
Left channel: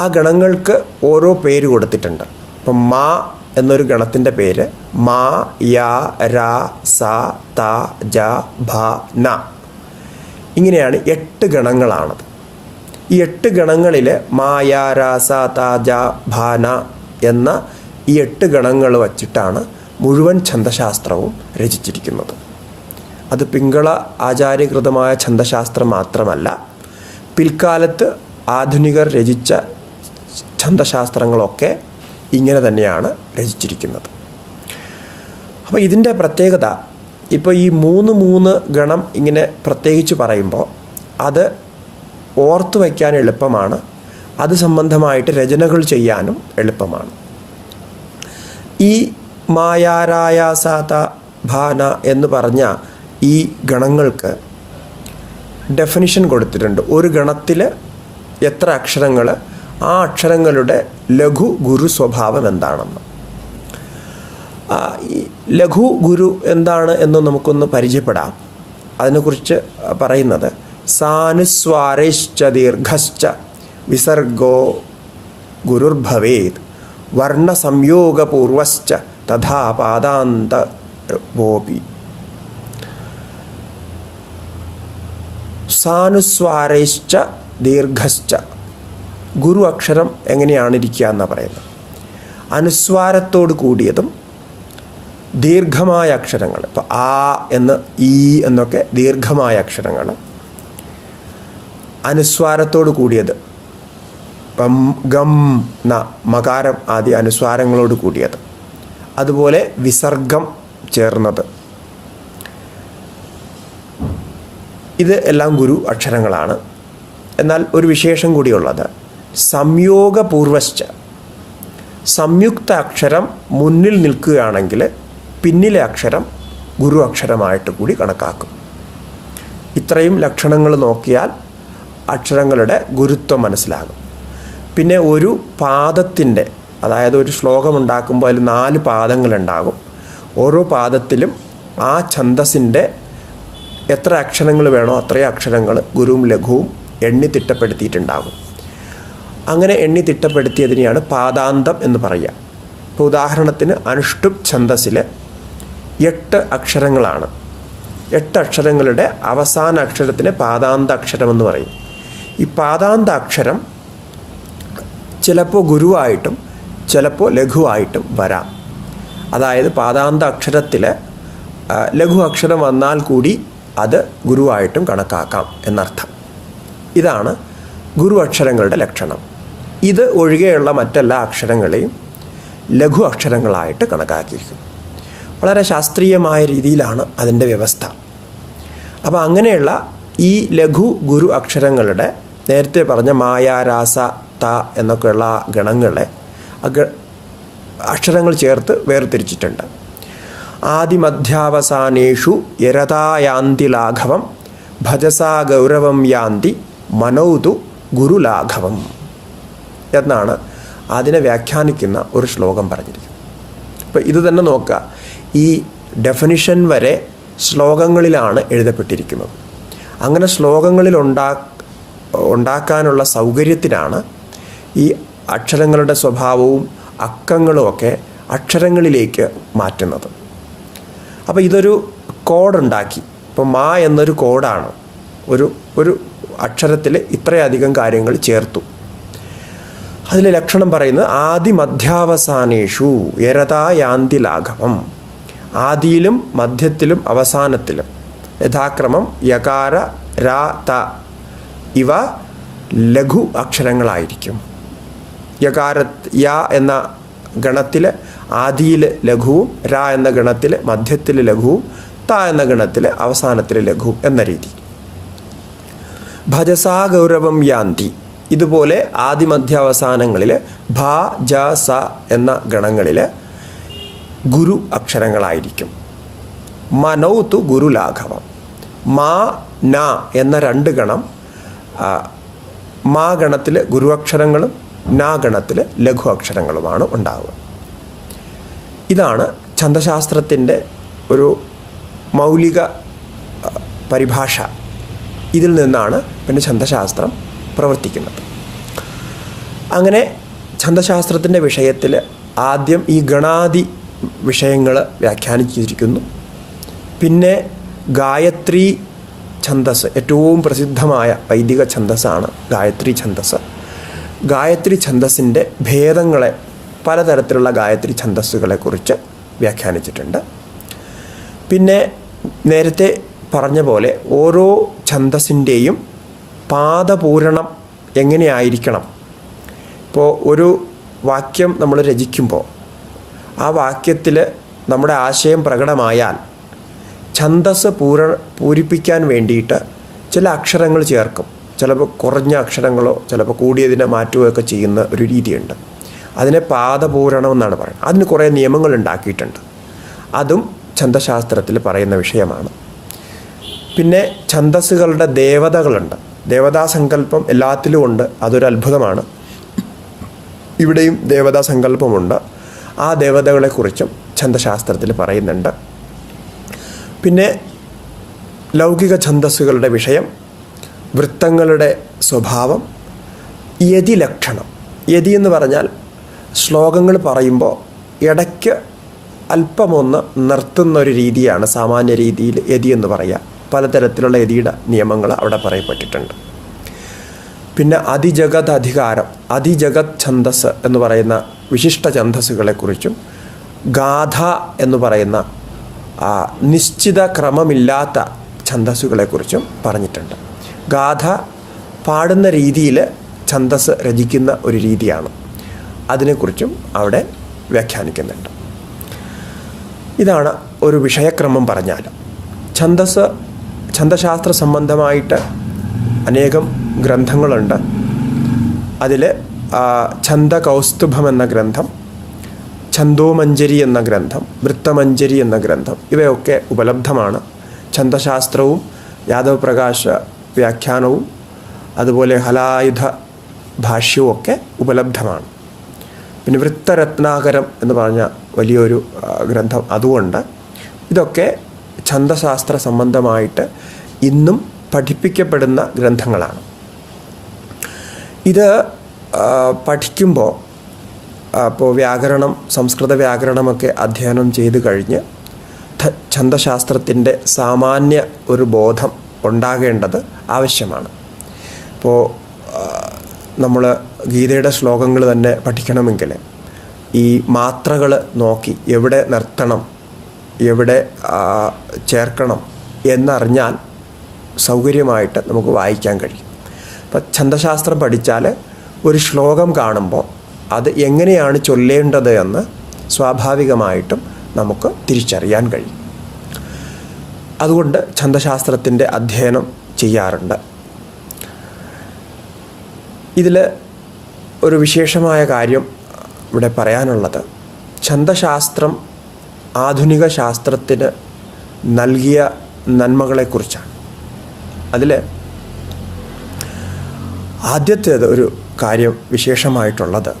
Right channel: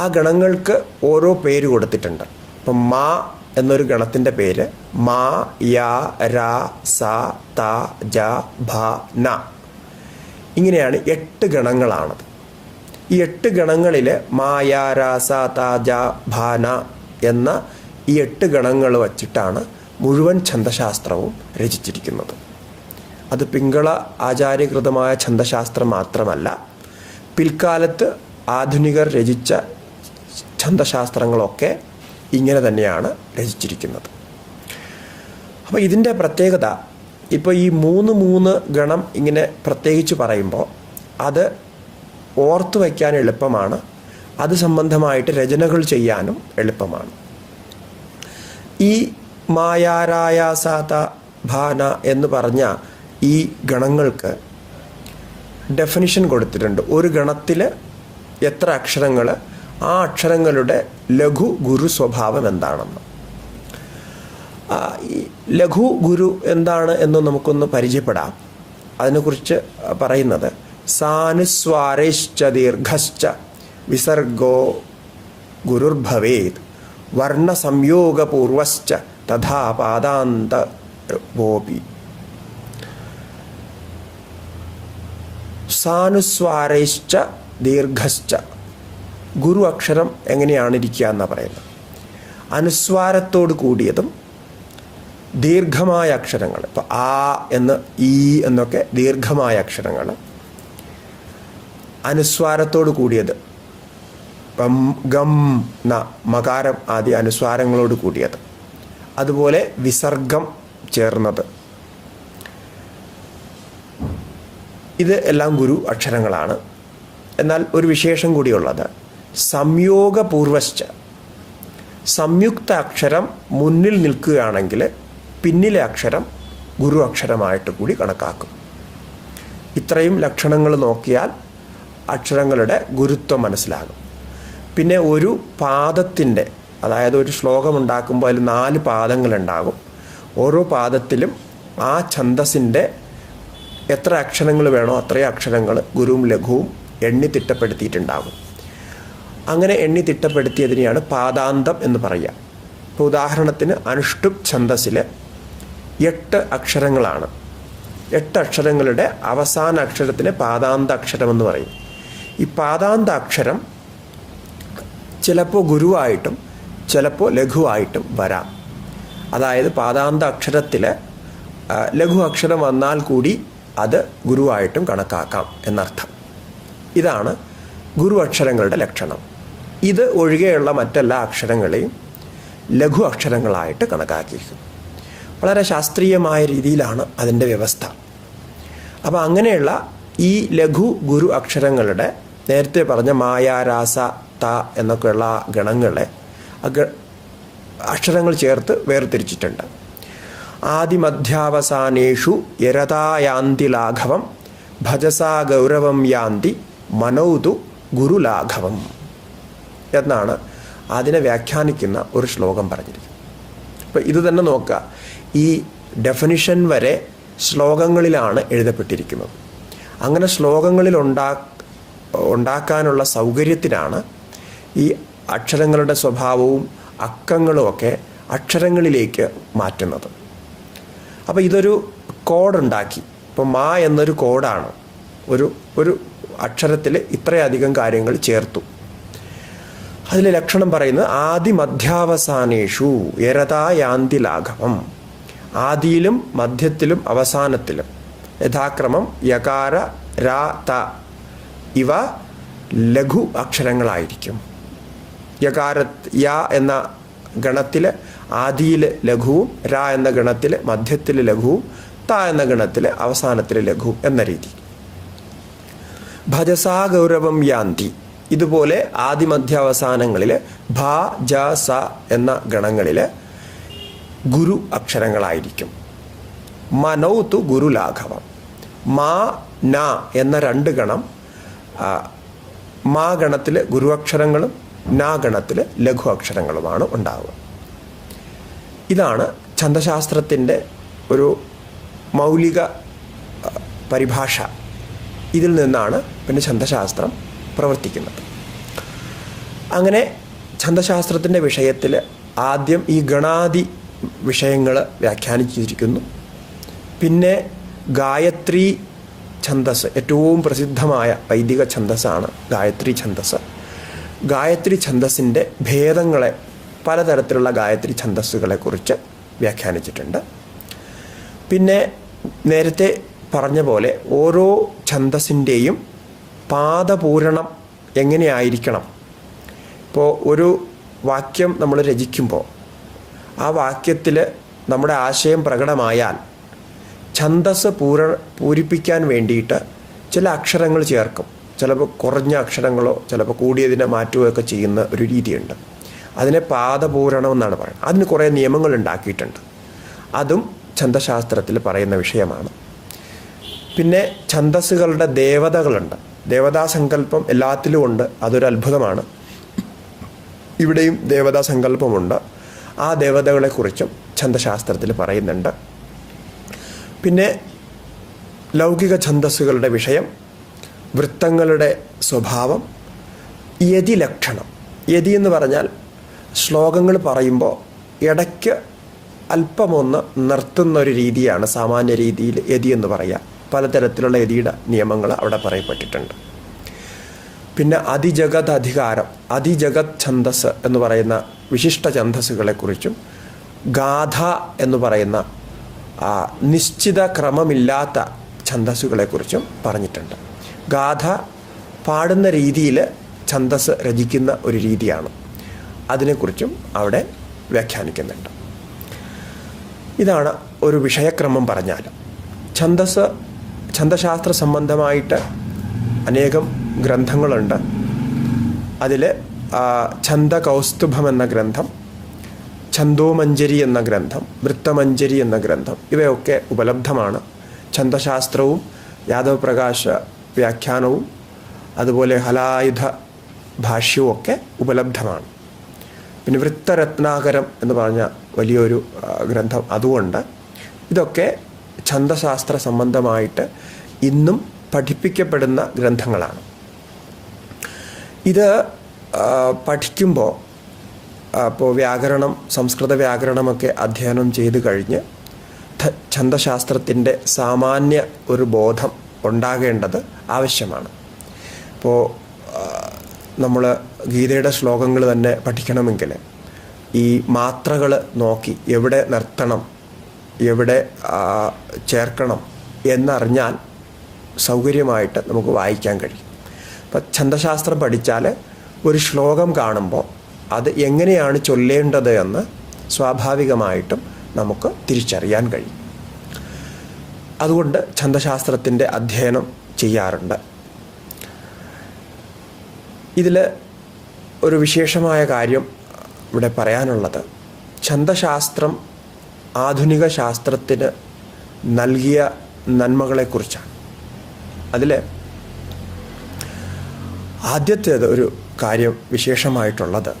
ആ ഗണങ്ങൾക്ക് ഓരോ പേര് കൊടുത്തിട്ടുണ്ട്. ഇപ്പം മാ എന്നൊരു ഗണത്തിൻ്റെ പേര് മാ, യാ, രാ, സ, ത, ജ, ഭ, ന. ഇങ്ങനെയാണ് 8 ഗണങ്ങളാണത്. ഈ 8 ഗണങ്ങളിൽ മാ, യാ, രാ, സ, ത, ജ, ഭ, ന എന്ന ഈ 8 ഗണങ്ങൾ വച്ചിട്ടാണ് മുഴുവൻ ഛന്ദശാസ്ത്രവും രചിച്ചിരിക്കുന്നത്. അത് പിംഗള ആചാര്യകൃതമായ ഛന്ദശാസ്ത്രം മാത്രമല്ല, പിൽക്കാലത്ത് ആധുനികർ രചിച്ച ഛന്ദശാസ്ത്രങ്ങളൊക്കെ ഇങ്ങനെ തന്നെയാണ് രചിച്ചിരിക്കുന്നത്. അപ്പോൾ ഇതിൻ്റെ പ്രത്യേകത, ഇപ്പോൾ ഈ 3 ഗണം ഇങ്ങനെ പ്രത്യേകിച്ച് പറയുമ്പോൾ അത് ഓർത്തു വയ്ക്കാൻ എളുപ്പമാണ്. അത് സംബന്ധമായിട്ട് രചനകൾ ചെയ്യാനും എളുപ്പമാണ്. ഈ മായാരായാസാത ഭാന എന്ന് പറഞ്ഞ ഈ ഗണങ്ങൾക്ക് ഡെഫിനിഷൻ കൊടുത്തിട്ടുണ്ട്. ഒരു ഗണത്തിൽ എത്ര അക്ഷരങ്ങൾ, ആ അക്ഷരങ്ങളുടെ ലഘു ഗുരു സ്വഭാവം എന്താണെന്ന്. ഈ ലഘു ഗുരു എന്താണ് എന്ന് നമുക്കൊന്ന് പരിചയപ്പെടാം. അതിനെക്കുറിച്ച് പറയുന്നത് സാനുസ്വാരശ്ച ദീർഘശ്ച വിസർഗോ ഗുരുർഭവേത് വർണ്ണസംയോഗപൂർവശ്ച തഥാ പാദാന്തവോപി. സാനുസ്വാരശ്ച ദീർഘശ്ച, ഗുരു അക്ഷരം എങ്ങനെയാണ് ഇരിക്കുക എന്നാണ് പറയുന്നത്. അനുസ്വാരത്തോട് കൂടിയതും ദീർഘമായ അക്ഷരങ്ങൾ, ഇപ്പോൾ ആ എന്ന്, ഈ എന്നൊക്കെ ദീർഘമായ അക്ഷരങ്ങൾ. അനുസ്വാരത്തോട് കൂടിയത് ഗം, ന, മകാരം ആദി അനുസ്വാരങ്ങളോട് കൂടിയത്. അതുപോലെ വിസർഗം ചേർന്നത്. ഇത് എല്ലാം ഗുരു അക്ഷരങ്ങളാണ്. എന്നാൽ ഒരു വിശേഷം കൂടിയുള്ളത് സംയോഗപൂർവശ്ച, സംയുക്ത അക്ഷരം മുന്നിൽ നിൽക്കുകയാണെങ്കിൽ പിന്നിലെ അക്ഷരം ഗുരു അക്ഷരമായിട്ട് കൂടി കണക്കാക്കും. ഇത്രയും ലക്ഷണങ്ങൾ നോക്കിയാൽ അക്ഷരങ്ങളുടെ ഗുരുത്വം മനസ്സിലാകും. പിന്നെ ഒരു പാദത്തിൻ്റെ, അതായത് ഒരു ശ്ലോകം ഉണ്ടാക്കുമ്പോൾ അതിൽ 4 പാദങ്ങളുണ്ടാകും. ഓരോ പാദത്തിലും ആ ഛന്ദസ്സിൻ്റെ എത്ര അക്ഷരങ്ങൾ വേണോ അത്രയും അക്ഷരങ്ങൾ ഗുരുവും ലഘുവും എണ്ണി തിട്ടപ്പെടുത്തിയിട്ടുണ്ടാകും. അങ്ങനെ എണ്ണി തിട്ടപ്പെടുത്തിയതിനെയാണ് പാദാന്തം എന്ന് പറയുക. ഇപ്പോൾ ഉദാഹരണത്തിന് അനുഷ്ടുപ് ഛന്ദസ്സിൽ 8 അക്ഷരങ്ങളാണ്. 8 അക്ഷരങ്ങളുടെ അവസാന അക്ഷരത്തിന് പാദാന്ത അക്ഷരമെന്ന് പറയും. ഈ പാദാന്ത അക്ഷരം ചിലപ്പോൾ ഗുരുവായിട്ടും ചിലപ്പോൾ ലഘുവായിട്ടും വരാം. അതായത് പാദാന്ത അക്ഷരത്തിൽ ലഘു അക്ഷരം വന്നാൽ കൂടി അത് ഗുരുവായിട്ടും കണക്കാക്കാം എന്നർത്ഥം. ഇതാണ് ഗുരു അക്ഷരങ്ങളുടെ ലക്ഷണം. ഇത് ഒഴികെയുള്ള മറ്റെല്ലാ അക്ഷരങ്ങളെയും ലഘു അക്ഷരങ്ങളായിട്ട് കണക്കാക്കിയിരിക്കുന്നു. വളരെ ശാസ്ത്രീയമായ രീതിയിലാണ് അതിൻ്റെ വ്യവസ്ഥ. അപ്പോൾ അങ്ങനെയുള്ള ഈ ലഘു ഗുരു അക്ഷരങ്ങളുടെ നേരത്തെ പറഞ്ഞ മായ, രാസ, ത എന്നൊക്കെയുള്ള ഗണങ്ങളെ അക്ഷരങ്ങൾ ചേർത്ത് വേർതിരിച്ചിട്ടുണ്ട്. ആദിമധ്യാവസാനേഷു യരതായാന്തി ലാഘവം ഭജസാ ഗൗരവം യാന്തി മനൗതു ഗുരുലാഘവം എന്നാണ് അതിനെ വ്യാഖ്യാനിക്കുന്ന ഒരു ശ്ലോകം പറഞ്ഞിരിക്കുന്നത്. അപ്പോൾ ഇത് തന്നെ നോക്കുക, ഈ ഡെഫിനിഷൻ വരെ ശ്ലോകങ്ങളിലാണ് എഴുതപ്പെട്ടിരിക്കുന്നത്. അങ്ങനെ ശ്ലോകങ്ങളിൽ ഉണ്ടാക്കാനുള്ള സൗകര്യത്തിനാണ് ഈ അക്ഷരങ്ങളുടെ സ്വഭാവവും അക്കങ്ങളുമൊക്കെ അക്ഷരങ്ങളിലേക്ക് മാറ്റുന്നത്. അപ്പോൾ ഇതൊരു കോഡുണ്ടാക്കി. ഇപ്പോൾ മാ എന്നൊരു കോഡാണ്. ഒരു അക്ഷരത്തിൽ ഇത്രയധികം കാര്യങ്ങൾ ചേർത്തു. അതിലെ ലക്ഷണം പറയുന്നത് ആദിമധ്യാവസാനേഷു യരതായാന്തി ലാഘവം. ആദിയിലും മധ്യത്തിലും അവസാനത്തിലും യഥാക്രമം യകാര രാ ത ഇവ ലഘു അക്ഷരങ്ങളായിരിക്കും. യകാര യ എന്ന ഗണത്തിൽ ആദിയിൽ ലഘുവും, രാ എന്ന ഗണത്തിൽ മധ്യത്തിൽ ലഘുവും, ത എന്ന ഗണത്തിൽ അവസാനത്തിൽ ലഘുവും എന്ന രീതി. ഭജസാ ഗൗരവം യാന്തി. ഇതുപോലെ ആദിമധ്യാവസാനങ്ങളിൽ ഭ ജ സ എന്ന ഗണങ്ങളിൽ ഗുരു അക്ഷരങ്ങളായിരിക്കും. മനൗതു ഗുരുലാഘവം. മാ ന എന്ന രണ്ട് ഗണം മാ ഗണത്തിൽ ഗുരു അക്ഷരങ്ങളും നാ ഗണത്തിൽ ലഘു അക്ഷരങ്ങളുമാണ് ഉണ്ടാവുക. ഇതാണ് ഛന്ദശാസ്ത്രത്തിൻ്റെ ഒരു മൗലിക പരിഭാഷ. ഇതിൽ നിന്നാണ് പിന്നെ ഛന്ദശാസ്ത്രം പ്രവർത്തിക്കുന്നത്. അങ്ങനെ ഛന്ദശാസ്ത്രത്തിൻ്റെ വിഷയത്തിൽ ആദ്യം ഈ ഗണാദി വിഷയങ്ങൾ വ്യാഖ്യാനിച്ചിരിക്കുന്നു. പിന്നെ ഗായത്രി ഛന്ദസ്, ഏറ്റവും പ്രസിദ്ധമായ വൈദിക ഛന്ദസ്സാണ് ഗായത്രി ഛന്ദസ്. ഗായത്രി ഛന്ദസ്സിൻ്റെ ഭേദങ്ങളെ, പലതരത്തിലുള്ള ഗായത്രി ഛന്ദസ്സുകളെക്കുറിച്ച് വ്യാഖ്യാനിച്ചിട്ടുണ്ട്. പിന്നെ നേരത്തെ പറഞ്ഞ പോലെ ഓരോ ഛന്ദസ്സിൻ്റെയും പാദപൂരണം എങ്ങനെയായിരിക്കണം. ഇപ്പോൾ ഒരു വാക്യം നമ്മൾ രചിക്കുമ്പോൾ ആ വാക്യത്തിൽ നമ്മുടെ ആശയം പ്രകടമായാൽ ഛന്ദസ് പൂരിപ്പിക്കാൻ വേണ്ടിയിട്ട് ചില അക്ഷരങ്ങൾ ചേർക്കും. ചിലപ്പോൾ കുറഞ്ഞ അക്ഷരങ്ങളോ ചിലപ്പോൾ കൂടിയതിനെ മാറ്റുകയൊക്കെ ചെയ്യുന്ന ഒരു രീതിയുണ്ട്. അതിനെ പാദപൂരണം എന്നാണ് പറയുന്നത്. അതിന് കുറേ നിയമങ്ങൾ ഉണ്ടാക്കിയിട്ടുണ്ട്. അതും ഛന്ദശാസ്ത്രത്തിൽ പറയുന്ന വിഷയമാണ്. പിന്നെ ഛന്ദസ്സുകളുടെ ദേവതകളുണ്ട്. ദേവതാസങ്കല്പം എല്ലാത്തിലും ഉണ്ട്. അതൊരു അത്ഭുതമാണ്. ഇവിടെയും ദേവതാസങ്കല്പമുണ്ട്. ആ ദേവതകളെക്കുറിച്ചും ഛന്ദശാസ്ത്രത്തിൽ പറയുന്നുണ്ട്. പിന്നെ ലൗകിക ഛന്ദസ്സുകളുടെ വിഷയം, വൃത്തങ്ങളുടെ സ്വഭാവം, യതി ലക്ഷണം. യതി എന്ന് പറഞ്ഞാൽ ശ്ലോകങ്ങൾ പറയുമ്പോൾ ഇടയ്ക്ക് അല്പമൊന്ന് നിർത്തുന്ന ഒരു രീതിയാണ് സാമാന്യ രീതിയിൽ യതി എന്ന് പറയുക. പലതരത്തിലുള്ള യതിയുടെ നിയമങ്ങൾ അവിടെ പറയപ്പെട്ടിട്ടുണ്ട്. പിന്നെ അതിജഗത് അധികാരം, അതിജഗത് ഛന്ദസ് എന്ന് പറയുന്ന വിശിഷ്ട ഛന്ദസ്സുകളെക്കുറിച്ചും ഗാഥ എന്ന് പറയുന്ന നിശ്ചിത ക്രമമില്ലാത്ത ഛന്ദസ്സുകളെക്കുറിച്ചും പറഞ്ഞിട്ടുണ്ട്. ഗാഥ പാടുന്ന രീതിയിൽ ഛന്ദസ് രചിക്കുന്ന ഒരു രീതിയാണ്. അതിനെക്കുറിച്ചും അവിടെ വ്യാഖ്യാനിക്കുന്നുണ്ട്. ഇതാണ് ഒരു വിഷയക്രമം പറഞ്ഞാൽ. ഛന്ദശാസ്ത്ര സംബന്ധമായിട്ട് അനേകം ഗ്രന്ഥങ്ങളുണ്ട്. അതിൽ ഛന്ദകൗസ്തുഭം എന്ന ഗ്രന്ഥം, ഛന്ദോമഞ്ജരി എന്ന ഗ്രന്ഥം, വൃത്തമഞ്ജരി എന്ന ഗ്രന്ഥം ഇവയൊക്കെ ഉപലബ്ധമാണ്. ഛന്ദശാസ്ത്രവും യാദവപ്രകാശ വ്യാഖ്യാനവും അതുപോലെ ഹലായുധ ഭാഷ്യവും ഒക്കെ ഉപലബ്ധമാണ്. പിന്നെ വൃത്തരത്നാകരം എന്ന് പറഞ്ഞ വലിയൊരു ഗ്രന്ഥം അതുകൊണ്ട് ഇതൊക്കെ ഛന്ദശാസ്ത്ര സംബന്ധമായിട്ട് ഇന്നും പഠിപ്പിക്കപ്പെടുന്ന ഗ്രന്ഥങ്ങളാണ്. ഇത് പഠിക്കുമ്പോൾ ഇപ്പോൾ വ്യാകരണം, സംസ്കൃത വ്യാകരണമൊക്കെ അധ്യയനം ചെയ്ത് കഴിഞ്ഞ് ഛന്ദശാസ്ത്രത്തിൻ്റെ സാമാന്യ ഒരു ബോധം ഉണ്ടാകേണ്ടത് ആവശ്യമാണ്. ഇപ്പോൾ നമ്മൾ ഗീതയുടെ ശ്ലോകങ്ങൾ തന്നെ പഠിക്കണമെങ്കിൽ ഈ മാത്രകൾ നോക്കി എവിടെ നിർത്തണം, എവിടെ ചേർക്കണം എന്നറിഞ്ഞാൽ സൗകര്യമായിട്ട് നമുക്ക് വായിക്കാൻ കഴിയും. അപ്പം ഛന്ദശാസ്ത്രം പഠിച്ചാൽ ഒരു ശ്ലോകം കാണുമ്പോൾ അത് എങ്ങനെയാണ് ചൊല്ലേണ്ടത് എന്ന് സ്വാഭാവികമായിട്ടും നമുക്ക് തിരിച്ചറിയാൻ കഴിയും. അതുകൊണ്ട് ഛന്ദശാസ്ത്രത്തിൻ്റെ അധ്യയനം ചെയ്യാറുണ്ട്. ഇതിൽ ഒരു വിശേഷമായ കാര്യം ഇവിടെ പറയാനുള്ളത്, ഛന്ദശാസ്ത്രം ആധുനിക ശാസ്ത്രത്തിന് നൽകിയ നന്മകളെക്കുറിച്ചാണ്. അതിൽ ആദ്യത്തേത് ഒരു കാര്യം വിശേഷമായിട്ടുള്ളത്,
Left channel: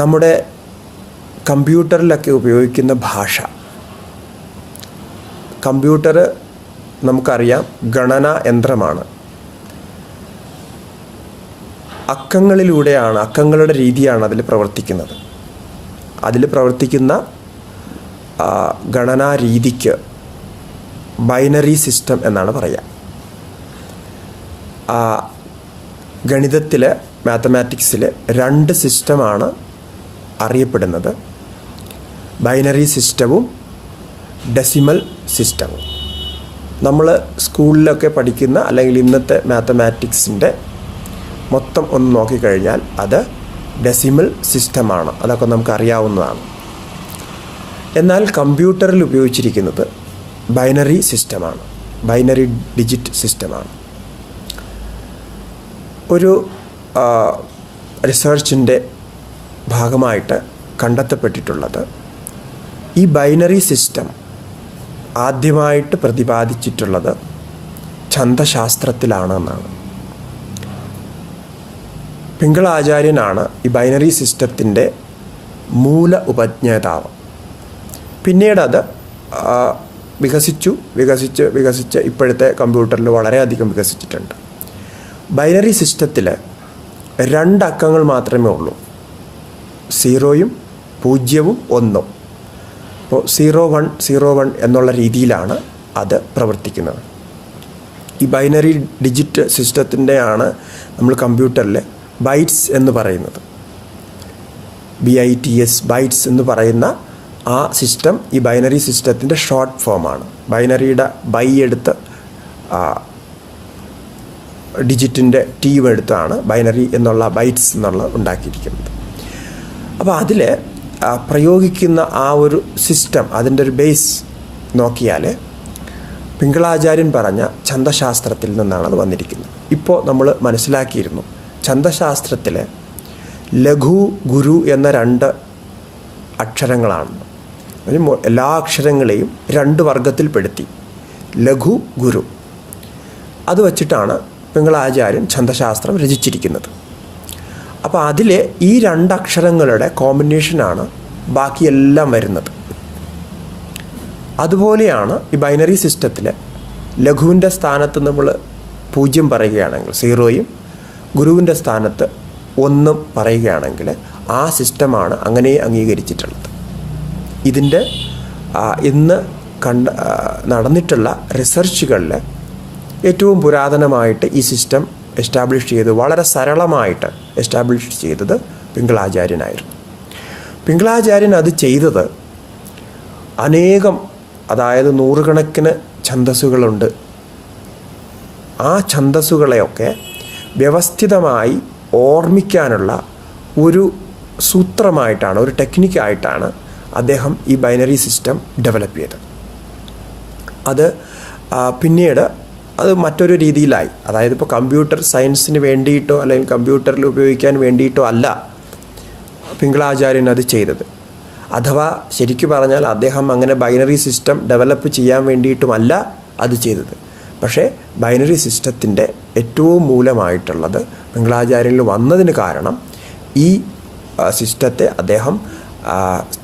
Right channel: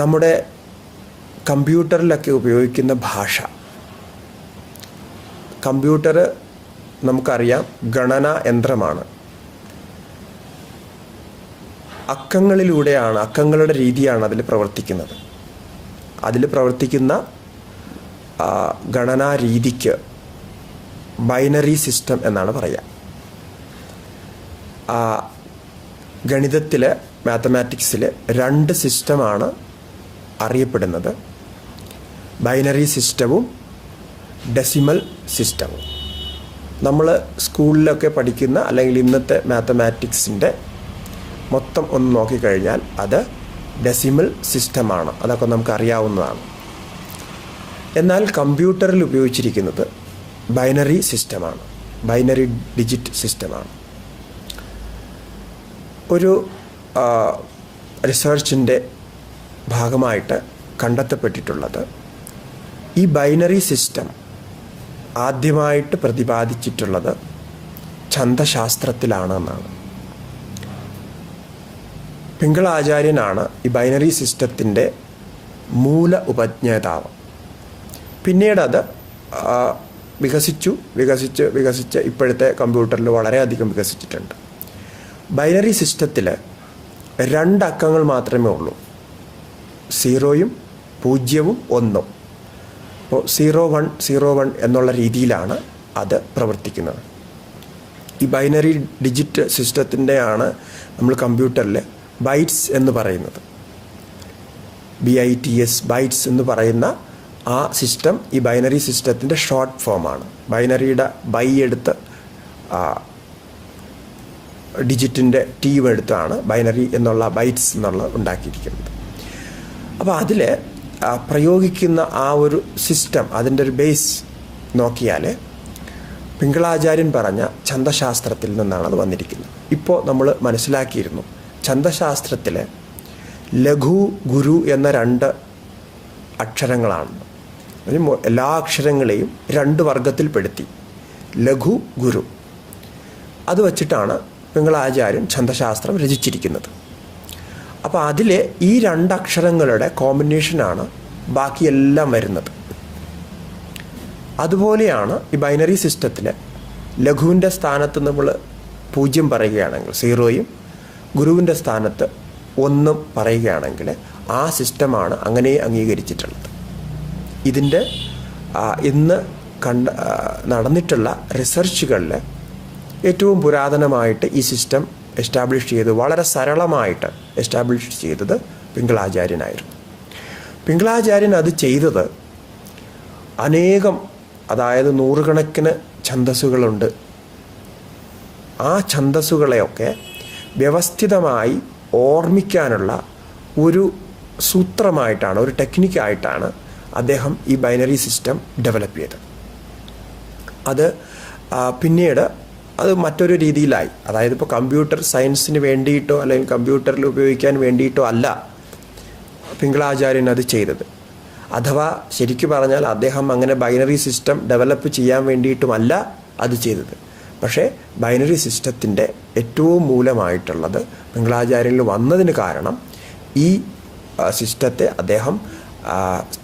നമ്മുടെ കമ്പ്യൂട്ടറിലൊക്കെ ഉപയോഗിക്കുന്ന ഭാഷ. കമ്പ്യൂട്ടർ നമുക്കറിയാം ഗണനാ യന്ത്രമാണ്. അക്കങ്ങളുടെ രീതിയാണ് അതിൽ പ്രവർത്തിക്കുന്നത്. അതിൽ പ്രവർത്തിക്കുന്ന ഗണനാ രീതിക്ക് ബൈനറി സിസ്റ്റം എന്നാണ് പറയുക. ഗണിതത്തിൽ, മാത്തമാറ്റിക്സിൽ 2 സിസ്റ്റമാണ് അറിയപ്പെടുന്നത്: ബൈനറി സിസ്റ്റവും ഡെസിമൽ സിസ്റ്റവും. നമ്മൾ സ്കൂളിലൊക്കെ പഠിക്കുന്ന അല്ലെങ്കിൽ ഇന്നത്തെ മാത്തമാറ്റിക്സിൻ്റെ മൊത്തം ഒന്ന് നോക്കിക്കഴിഞ്ഞാൽ അത് ഡെസിമൽ സിസ്റ്റമാണ്. അതൊക്കെ നമുക്ക് അറിയാവുന്നതാണ്. എന്നാൽ കമ്പ്യൂട്ടറിൽ ഉപയോഗിച്ചിരിക്കുന്നത് ബൈനറി സിസ്റ്റമാണ്, ബൈനറി ഡിജിറ്റ് സിസ്റ്റമാണ്. ഒരു റിസർച്ചിൻ്റെ ഭാഗമായിട്ട് കണ്ടെത്തപ്പെട്ടിട്ടുള്ളത് ഈ ബൈനറി സിസ്റ്റം ആദ്യമായിട്ട് പ്രതിപാദിച്ചിട്ടുള്ളത് ഛന്ദശാസ്ത്രത്തിലാണ് എന്നാണ്. പിംഗള ആചാര്യനാണ് ഈ ബൈനറി സിസ്റ്റത്തിൻ്റെ മൂല ഉപജ്ഞാതാവ്. പിന്നീട് അത് വികസിച്ച് ഇപ്പോഴത്തെ കമ്പ്യൂട്ടറിൽ വളരെയധികം വികസിച്ചിട്ടുണ്ട്. ബൈനറി സിസ്റ്റത്തിൽ 2 അക്കങ്ങൾ മാത്രമേ ഉള്ളൂ: 0യും 0വും 1ഉം. അപ്പോൾ 0101 എന്നുള്ള രീതിയിലാണ് അത് പ്രവർത്തിക്കുന്നത്. ഈ ബൈനറി ഡിജിറ്റ് സിസ്റ്റത്തിൻ്റെയാണ് നമ്മൾ കമ്പ്യൂട്ടറിൽ ബൈറ്റ്സ് എന്ന് പറയുന്നത്. BITS, ബൈറ്റ്സ് എന്ന് പറയുന്ന ആ സിസ്റ്റം ഈ ബൈനറി സിസ്റ്റത്തിൻ്റെ ഷോർട്ട് ഫോമാണ്. ബൈനറിയുടെ ബൈ എടുത്ത് ഡിജിറ്റിൻ്റെ ടീം എടുത്താണ് ബൈനറി എന്നുള്ള ബൈറ്റ്സ് എന്നുള്ള ഉണ്ടാക്കിയിരിക്കുന്നത്. അപ്പോൾ അതിൽ പ്രയോഗിക്കുന്ന ആ ഒരു സിസ്റ്റം, അതിൻ്റെ ഒരു ബേസ് നോക്കിയാൽ പിംഗളാചാര്യൻ പറഞ്ഞ ഛന്ദശാസ്ത്രത്തിൽ നിന്നാണ് അത് വന്നിരിക്കുന്നത്. ഇപ്പോൾ നമ്മൾ മനസ്സിലാക്കിയിരുന്നു, ഛന്ദശാസ്ത്രത്തിൽ ലഘു, ഗുരു എന്ന 2 അക്ഷരങ്ങളാണ്. എല്ലാ അക്ഷരങ്ങളെയും 2 വർഗത്തിൽപ്പെടുത്തി: ലഘു, ഗുരു. അത് വച്ചിട്ടാണ് പിംഗളാചാര്യൻ ഛന്ദശാസ്ത്രം രചിച്ചിരിക്കുന്നത്. അപ്പോൾ അതിൽ ഈ 2 അക്ഷരങ്ങളുടെ കോമ്പിനേഷനാണ് ബാക്കിയെല്ലാം വരുന്നത്. അതുപോലെയാണ് ഈ ബൈനറി സിസ്റ്റത്തിൽ ലഘുവിൻ്റെ സ്ഥാനത്ത് നമ്മൾ 0 പറയുകയാണെങ്കിൽ 0യും, ഗുരുവിൻ്റെ സ്ഥാനത്ത് 1ഉം പറയുകയാണെങ്കിൽ ആ സിസ്റ്റമാണ് അങ്ങനെ അംഗീകരിച്ചിട്ടുള്ളത്. ഇതിൻ്റെ ഇന്ന് നടന്നിട്ടുള്ള റിസർച്ചുകളിൽ ഏറ്റവും പുരാതനമായിട്ട് ഈ സിസ്റ്റം എസ്റ്റാബ്ലിഷ് ചെയ്ത്, വളരെ സരളമായിട്ട് എസ്റ്റാബ്ലിഷ് ചെയ്തത് പിംഗളാചാര്യനായിരുന്നു. പിംഗളാചാര്യൻ അത് ചെയ്തത് അനേകം, അതായത് 100 കണക്കിന് ഛന്ദസ്സുകളുണ്ട്. ആ ഛന്ദസ്സുകളെയൊക്കെ വ്യവസ്ഥിതമായി ഓർമ്മിക്കാനുള്ള ഒരു സൂത്രമായിട്ടാണ്, ഒരു ടെക്നിക്കായിട്ടാണ് അദ്ദേഹം ഈ ബൈനറി സിസ്റ്റം ഡെവലപ്പ് ചെയ്തത്. അത് പിന്നീട് അത് മറ്റൊരു രീതിയിലായി. അതായത് ഇപ്പോൾ കമ്പ്യൂട്ടർ സയൻസിന് വേണ്ടിയിട്ടോ അല്ലെങ്കിൽ കമ്പ്യൂട്ടറിൽ ഉപയോഗിക്കാൻ വേണ്ടിയിട്ടോ അല്ല പിംഗളാചാര്യൻ അത് ചെയ്തത്. അഥവാ ശരിക്കു പറഞ്ഞാൽ അദ്ദേഹം അങ്ങനെ ബൈനറി സിസ്റ്റം ഡെവലപ്പ് ചെയ്യാൻ വേണ്ടിയിട്ടുമല്ല അത് ചെയ്തത്. പക്ഷേ ബൈനറി സിസ്റ്റത്തിൻ്റെ ഏറ്റവും മൂലമായിട്ടുള്ളത് പിംഗളാചാര്യനിൽ വന്നതിന് കാരണം ഈ സിസ്റ്റത്തെ അദ്ദേഹം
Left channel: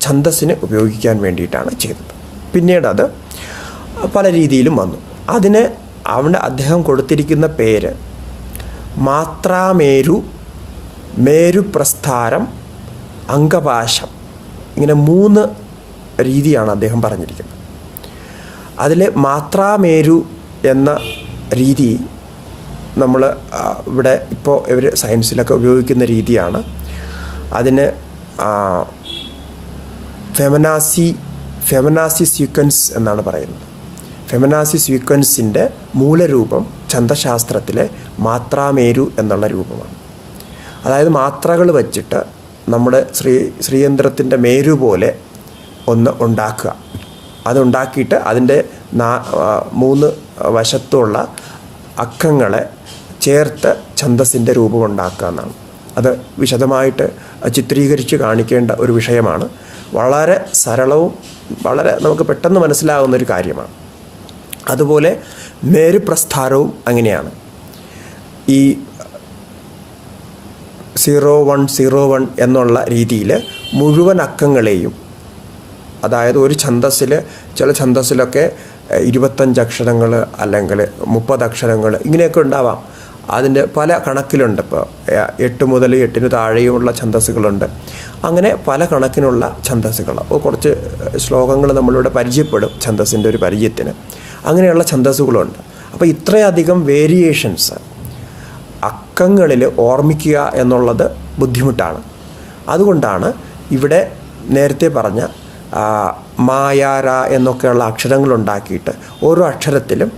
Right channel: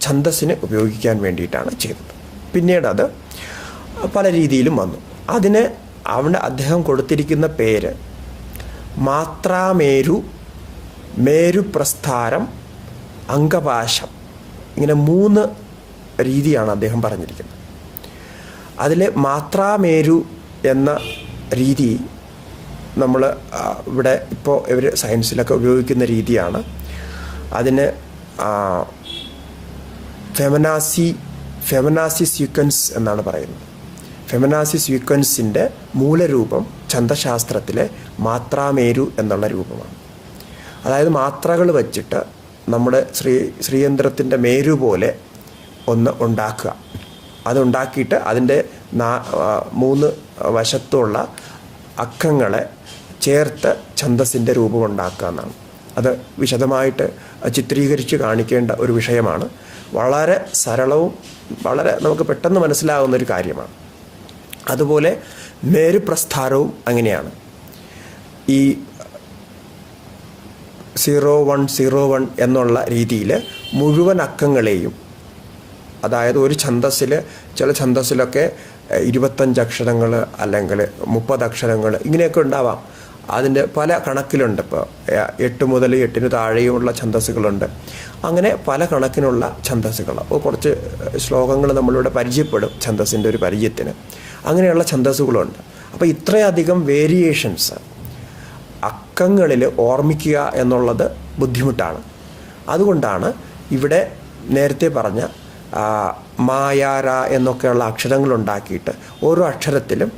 ഛന്ദസ്സിന് ഉപയോഗിക്കാൻ വേണ്ടിയിട്ടാണ് ചെയ്തത്. പിന്നീട് അത് പല രീതിയിലും വന്നു. അതിന് അദ്ദേഹം കൊടുത്തിരിക്കുന്ന പേര് മാത്രാമേരു, മേരുപ്രസ്ഥാരം, അങ്കപാശം, ഇങ്ങനെ 3 രീതിയാണ് അദ്ദേഹം പറഞ്ഞിരിക്കുന്നത്. അതിൽ മാത്രാമേരു എന്ന രീതി നമ്മൾ ഇവിടെ ഇപ്പോൾ ഇവർ സയൻസിലൊക്കെ ഉപയോഗിക്കുന്ന രീതിയാണ്. അതിന് ഫെമനാസി സീക്വൻസ് എന്നാണ് പറയുന്നത്. ഫെമനാസി സീക്വൻസിൻ്റെ മൂലരൂപം ഛന്ദശാസ്ത്രത്തിലെ മാത്രാമേരു എന്നുള്ള രൂപമാണ്. അതായത് മാത്രകൾ വച്ചിട്ട് നമ്മുടെ ശ്രീയന്ത്രത്തിൻ്റെ മേരു പോലെ ഒന്ന് ഉണ്ടാക്കുക. അതുണ്ടാക്കിയിട്ട് അതിൻ്റെ 3 വശത്തുള്ള അക്കങ്ങളെ ചേർത്ത് ഛന്ദസ്സിൻ്റെ രൂപം ഉണ്ടാക്കുക എന്നാണ്. അത് വിശദമായിട്ട് ചിത്രീകരിച്ച് കാണിക്കേണ്ട ഒരു വിഷയമാണ്. വളരെ സരളവും വളരെ നമുക്ക് പെട്ടെന്ന് മനസ്സിലാകുന്നൊരു കാര്യമാണ്. അതുപോലെ മേരുപ്രസ്ഥാരവും അങ്ങനെയാണ്. ഈ 0101 എന്നുള്ള രീതിയിൽ മുഴുവൻ അക്കങ്ങളെയും, അതായത് ഒരു ഛന്ദസ്സിൽ, ചില ഛന്ദസ്സിലൊക്കെ 25 അക്ഷരങ്ങൾ അല്ലെങ്കിൽ 30 അക്ഷരങ്ങൾ ഇങ്ങനെയൊക്കെ ഉണ്ടാവാം. അതിൻ്റെ പല കണക്കിലുണ്ട്. ഇപ്പോൾ 8 മുതൽ 8 താഴെയുമുള്ള ഛന്ദസ്സുകളുണ്ട്. അങ്ങനെ പല കണക്കിനുള്ള ഛന്ദസ്സുകൾ. അപ്പോൾ കുറച്ച് ശ്ലോകങ്ങൾ നമ്മളിവിടെ പരിചയപ്പെടും ഛന്ദസ്സിൻ്റെ ഒരു പരിചയത്തിന്. അങ്ങനെയുള്ള ഛന്ദസ്സുകളുണ്ട്. അപ്പോൾ ഇത്രയധികം വേരിയേഷൻസ് അക്കങ്ങളിൽ ഓർമ്മിക്കുക എന്നുള്ളത് ബുദ്ധിമുട്ടാണ്. അതുകൊണ്ടാണ് ഇവിടെ നേരത്തെ പറഞ്ഞ മായാര എന്നൊക്കെയുള്ള അക്ഷരങ്ങളുണ്ടാക്കിയിട്ട് ഓരോ അക്ഷരത്തിലും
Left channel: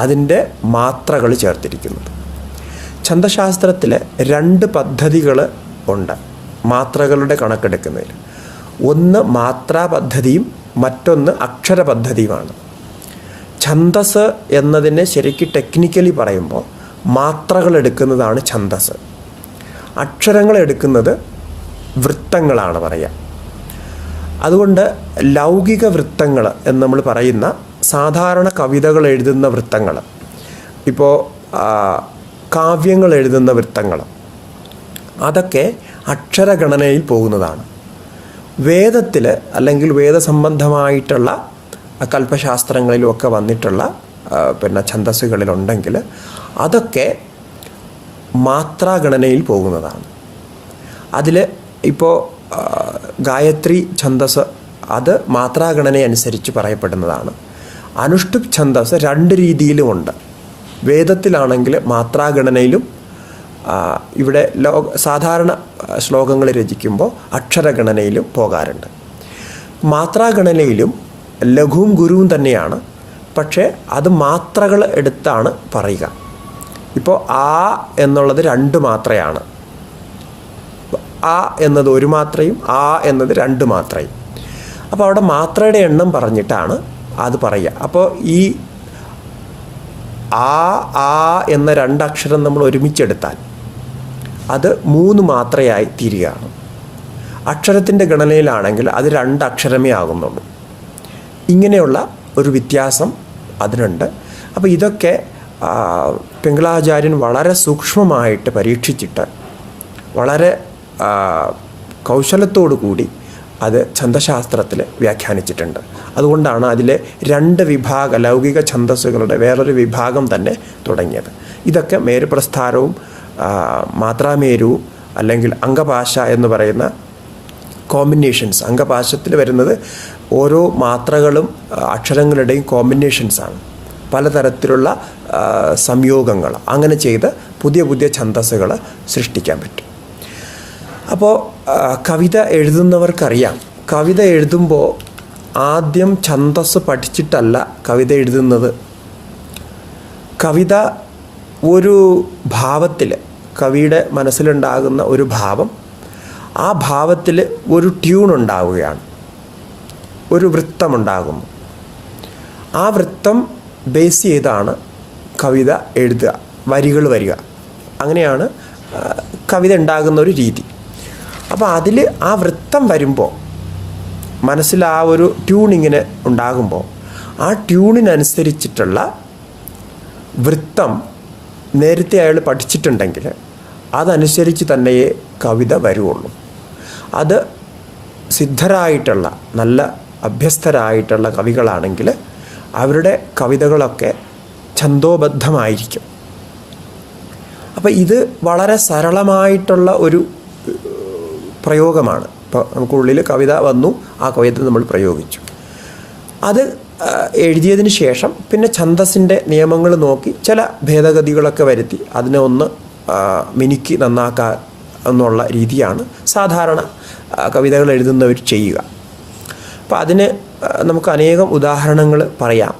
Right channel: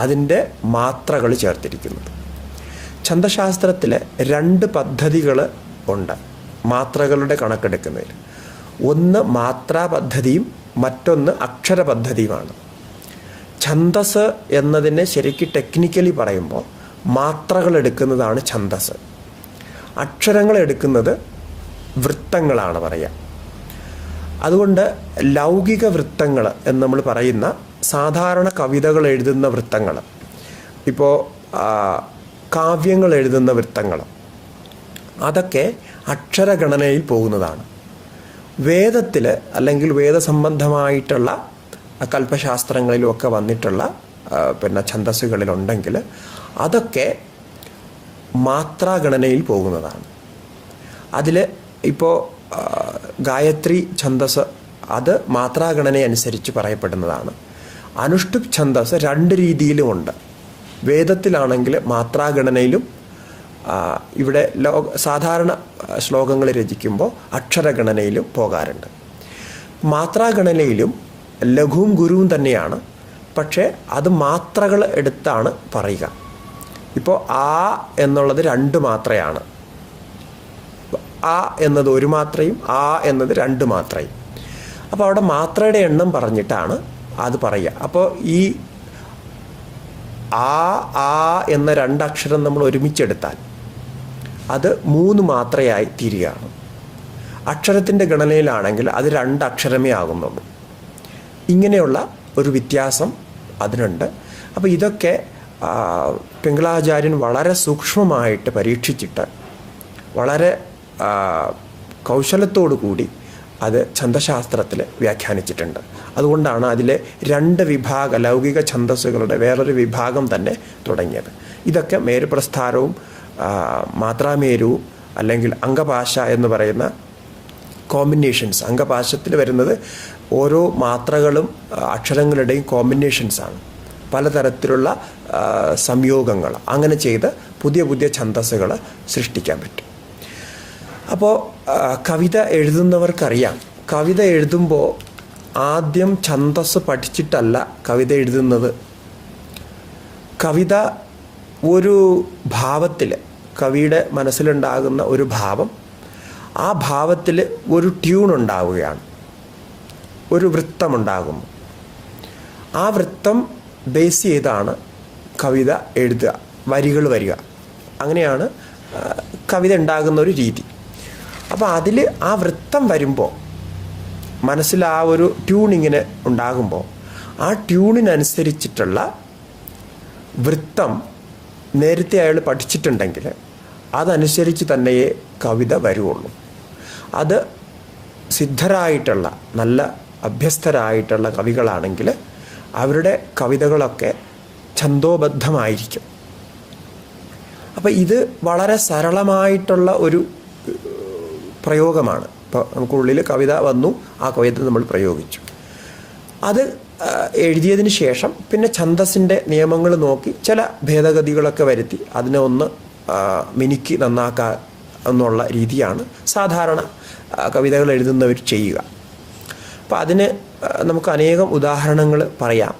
അതിൻ്റെ മാത്രകൾ ചേർത്തിരിക്കുന്നത്. ഛന്ദശാസ്ത്രത്തിൽ 2 പദ്ധതികൾ ഉണ്ട് മാത്രകളുടെ കണക്കെടുക്കുന്നതിൽ. ഒന്ന് മാത്രാ പദ്ധതിയും മറ്റൊന്ന് അക്ഷര പദ്ധതിയുമാണ്. ഛന്ദസ് എന്നതിന് ശരിക്കും ടെക്നിക്കലി പറയുമ്പോൾ മാത്രകൾ എടുക്കുന്നതാണ് ഛന്ദസ്. അക്ഷരങ്ങൾ എടുക്കുന്നത് വൃത്തങ്ങളാണ് പറയുക. അതുകൊണ്ട് ലൗകിക വൃത്തങ്ങൾ എന്ന് നമ്മൾ പറയുന്ന സാധാരണ കവിതകൾ എഴുതുന്ന വൃത്തങ്ങൾ, ഇപ്പോൾ കാവ്യങ്ങൾ എഴുതുന്ന വൃത്തങ്ങൾ, അതൊക്കെ അക്ഷരഗണനയിൽ പോകുന്നതാണ്. വേദത്തിൽ അല്ലെങ്കിൽ വേദസംബന്ധമായിട്ടുള്ള കൽപ്പശാസ്ത്രങ്ങളിലുമൊക്കെ വന്നിട്ടുള്ള ഛന്ദസ്സുകളിലുണ്ടെങ്കിൽ അതൊക്കെ മാത്രാഗണനയിൽ പോകുന്നതാണ്. അതിൽ ഇപ്പോൾ ഗായത്രി ഛന്ദസ് അത് മാത്രാഗണനയനുസരിച്ച് പറയപ്പെടുന്നതാണ്. അനുഷ്ടുപ് ഛന്ദസ് 2 രീതിയിലുമുണ്ട്. വേദത്തിലാണെങ്കിൽ മാത്രാഗണനയിലും ഇവിടെ സാധാരണ ശ്ലോകങ്ങൾ രചിക്കുമ്പോൾ അക്ഷരഗണനയിലും പോകാറുണ്ട്. മാത്രാഗണനയിലും ലഘുവും ഗുരുവും തന്നെയാണ്, പക്ഷേ അത് മാത്രകൾ എടുത്താണ് പറയുക. ഇപ്പോൾ ആ എന്നുള്ളത് 2 മാത്രയാണ്. ആ എന്നത് 1 മാത്രയും ആ എന്നത് 2 മാത്രയും. അപ്പോൾ അവിടെ മാത്രയുടെ എണ്ണം പറഞ്ഞിട്ടാണ് അത് പറയുക. അപ്പോൾ ഈ ആ എന്ന 2 അക്ഷരം നമ്മൾ ഒരുമിച്ചെടുത്താൽ അത് 3 മാത്രയായി തീരുകയാണ്. അക്ഷരത്തിൻ്റെ ഗണനയിലാണെങ്കിൽ അത് 2 അക്ഷരമേ ആകുന്നുള്ളൂ. ഇങ്ങനെയുള്ള ഒരു വ്യത്യാസം അതിനുണ്ട്. അപ്പോൾ ഇതൊക്കെ പിംഗളാചാര്യൻ വളരെ സൂക്ഷ്മമായിട്ട് പരീക്ഷിച്ചിട്ട് വളരെ കൗശലത്തോടു കൂടി അത് ഛന്ദശാസ്ത്രത്തിൽ വ്യാഖ്യാനിച്ചിട്ടുണ്ട്. അതുകൊണ്ടാണ് അതിലെ 2 വിഭാഗ ലൗകിക ഛന്ദസ്സുകളുടെ വേറൊരു വിഭാഗം തന്നെ തുടങ്ങിയത്. ഇതൊക്കെ മേരുപ്രസ്ഥാരവും മാത്രാമേരുവും അല്ലെങ്കിൽ അംഗഭാഷ എന്ന് പറയുന്ന കോമ്പിനേഷൻസ്. അംഗഭാഷത്തിൽ വരുന്നത് ഓരോ മാത്രകളും അക്ഷരങ്ങളുടെയും കോമ്പിനേഷൻസാണ്. പലതരത്തിലുള്ള സംയോഗങ്ങൾ അങ്ങനെ ചെയ്ത് പുതിയ പുതിയ ഛന്ദസ്സുകൾ സൃഷ്ടിക്കാൻ പറ്റും. അപ്പോൾ കവിത എഴുതുന്നവർക്കറിയാം, കവിത എഴുതുമ്പോൾ ആദ്യം ഛന്ദസ് പഠിച്ചിട്ടല്ല കവിത എഴുതുന്നത്. കവിത ഒരു ഭാവത്തിൽ, കവിയുടെ മനസ്സിലുണ്ടാകുന്ന ഒരു ഭാവം, ആ ഭാവത്തിൽ ഒരു ട്യൂൺ ഉണ്ടാവുകയാണ്, ഒരു വൃത്തമുണ്ടാകുന്നു. ആ വൃത്തം ബേസ് ചെയ്താണ് കവിത എഴുതുക, വരികൾ വരിക. അങ്ങനെയാണ് കവിത ഉണ്ടാകുന്ന ഒരു രീതി. അപ്പോൾ അതിൽ ആ വൃത്തം വരുമ്പോൾ മനസ്സിൽ ആ ഒരു ട്യൂണിങ്ങിന് ഉണ്ടാകുമ്പോൾ ആ ട്യൂണിനനുസരിച്ചിട്ടുള്ള വൃത്തം നേരത്തെ അയാൾ പഠിച്ചിട്ടുണ്ടെങ്കിൽ അതനുസരിച്ച് തന്നെയേ കവിത വരുള്ളൂ. അത് സിദ്ധരായിട്ടുള്ള നല്ല അഭ്യസ്തരായിട്ടുള്ള കവികളാണെങ്കിൽ അവരുടെ കവിതകളൊക്കെ ഛന്ദോബദ്ധമായിരിക്കും. അപ്പം ഇത് വളരെ സരളമായിട്ടുള്ള ഒരു പ്രയോഗമാണ്. ഇപ്പോൾ നമുക്കുള്ളിൽ കവിത വന്നു, ആ കവിത നമ്മൾ പ്രയോഗിച്ചു. അത് എഴുതിയതിന് ശേഷം പിന്നെ ഛന്ദസ്സിൻ്റെ നിയമങ്ങൾ നോക്കി ചില ഭേദഗതികളൊക്കെ വരുത്തി അതിനെ ഒന്ന് മിനുക്കി നന്നാക്കുക എന്നുള്ള രീതിയാണ് സാധാരണ കവിതകൾ എഴുതുന്നവർ ചെയ്യുക. അപ്പം അതിന് നമുക്ക് അനേകം ഉദാഹരണങ്ങൾ പറയാം.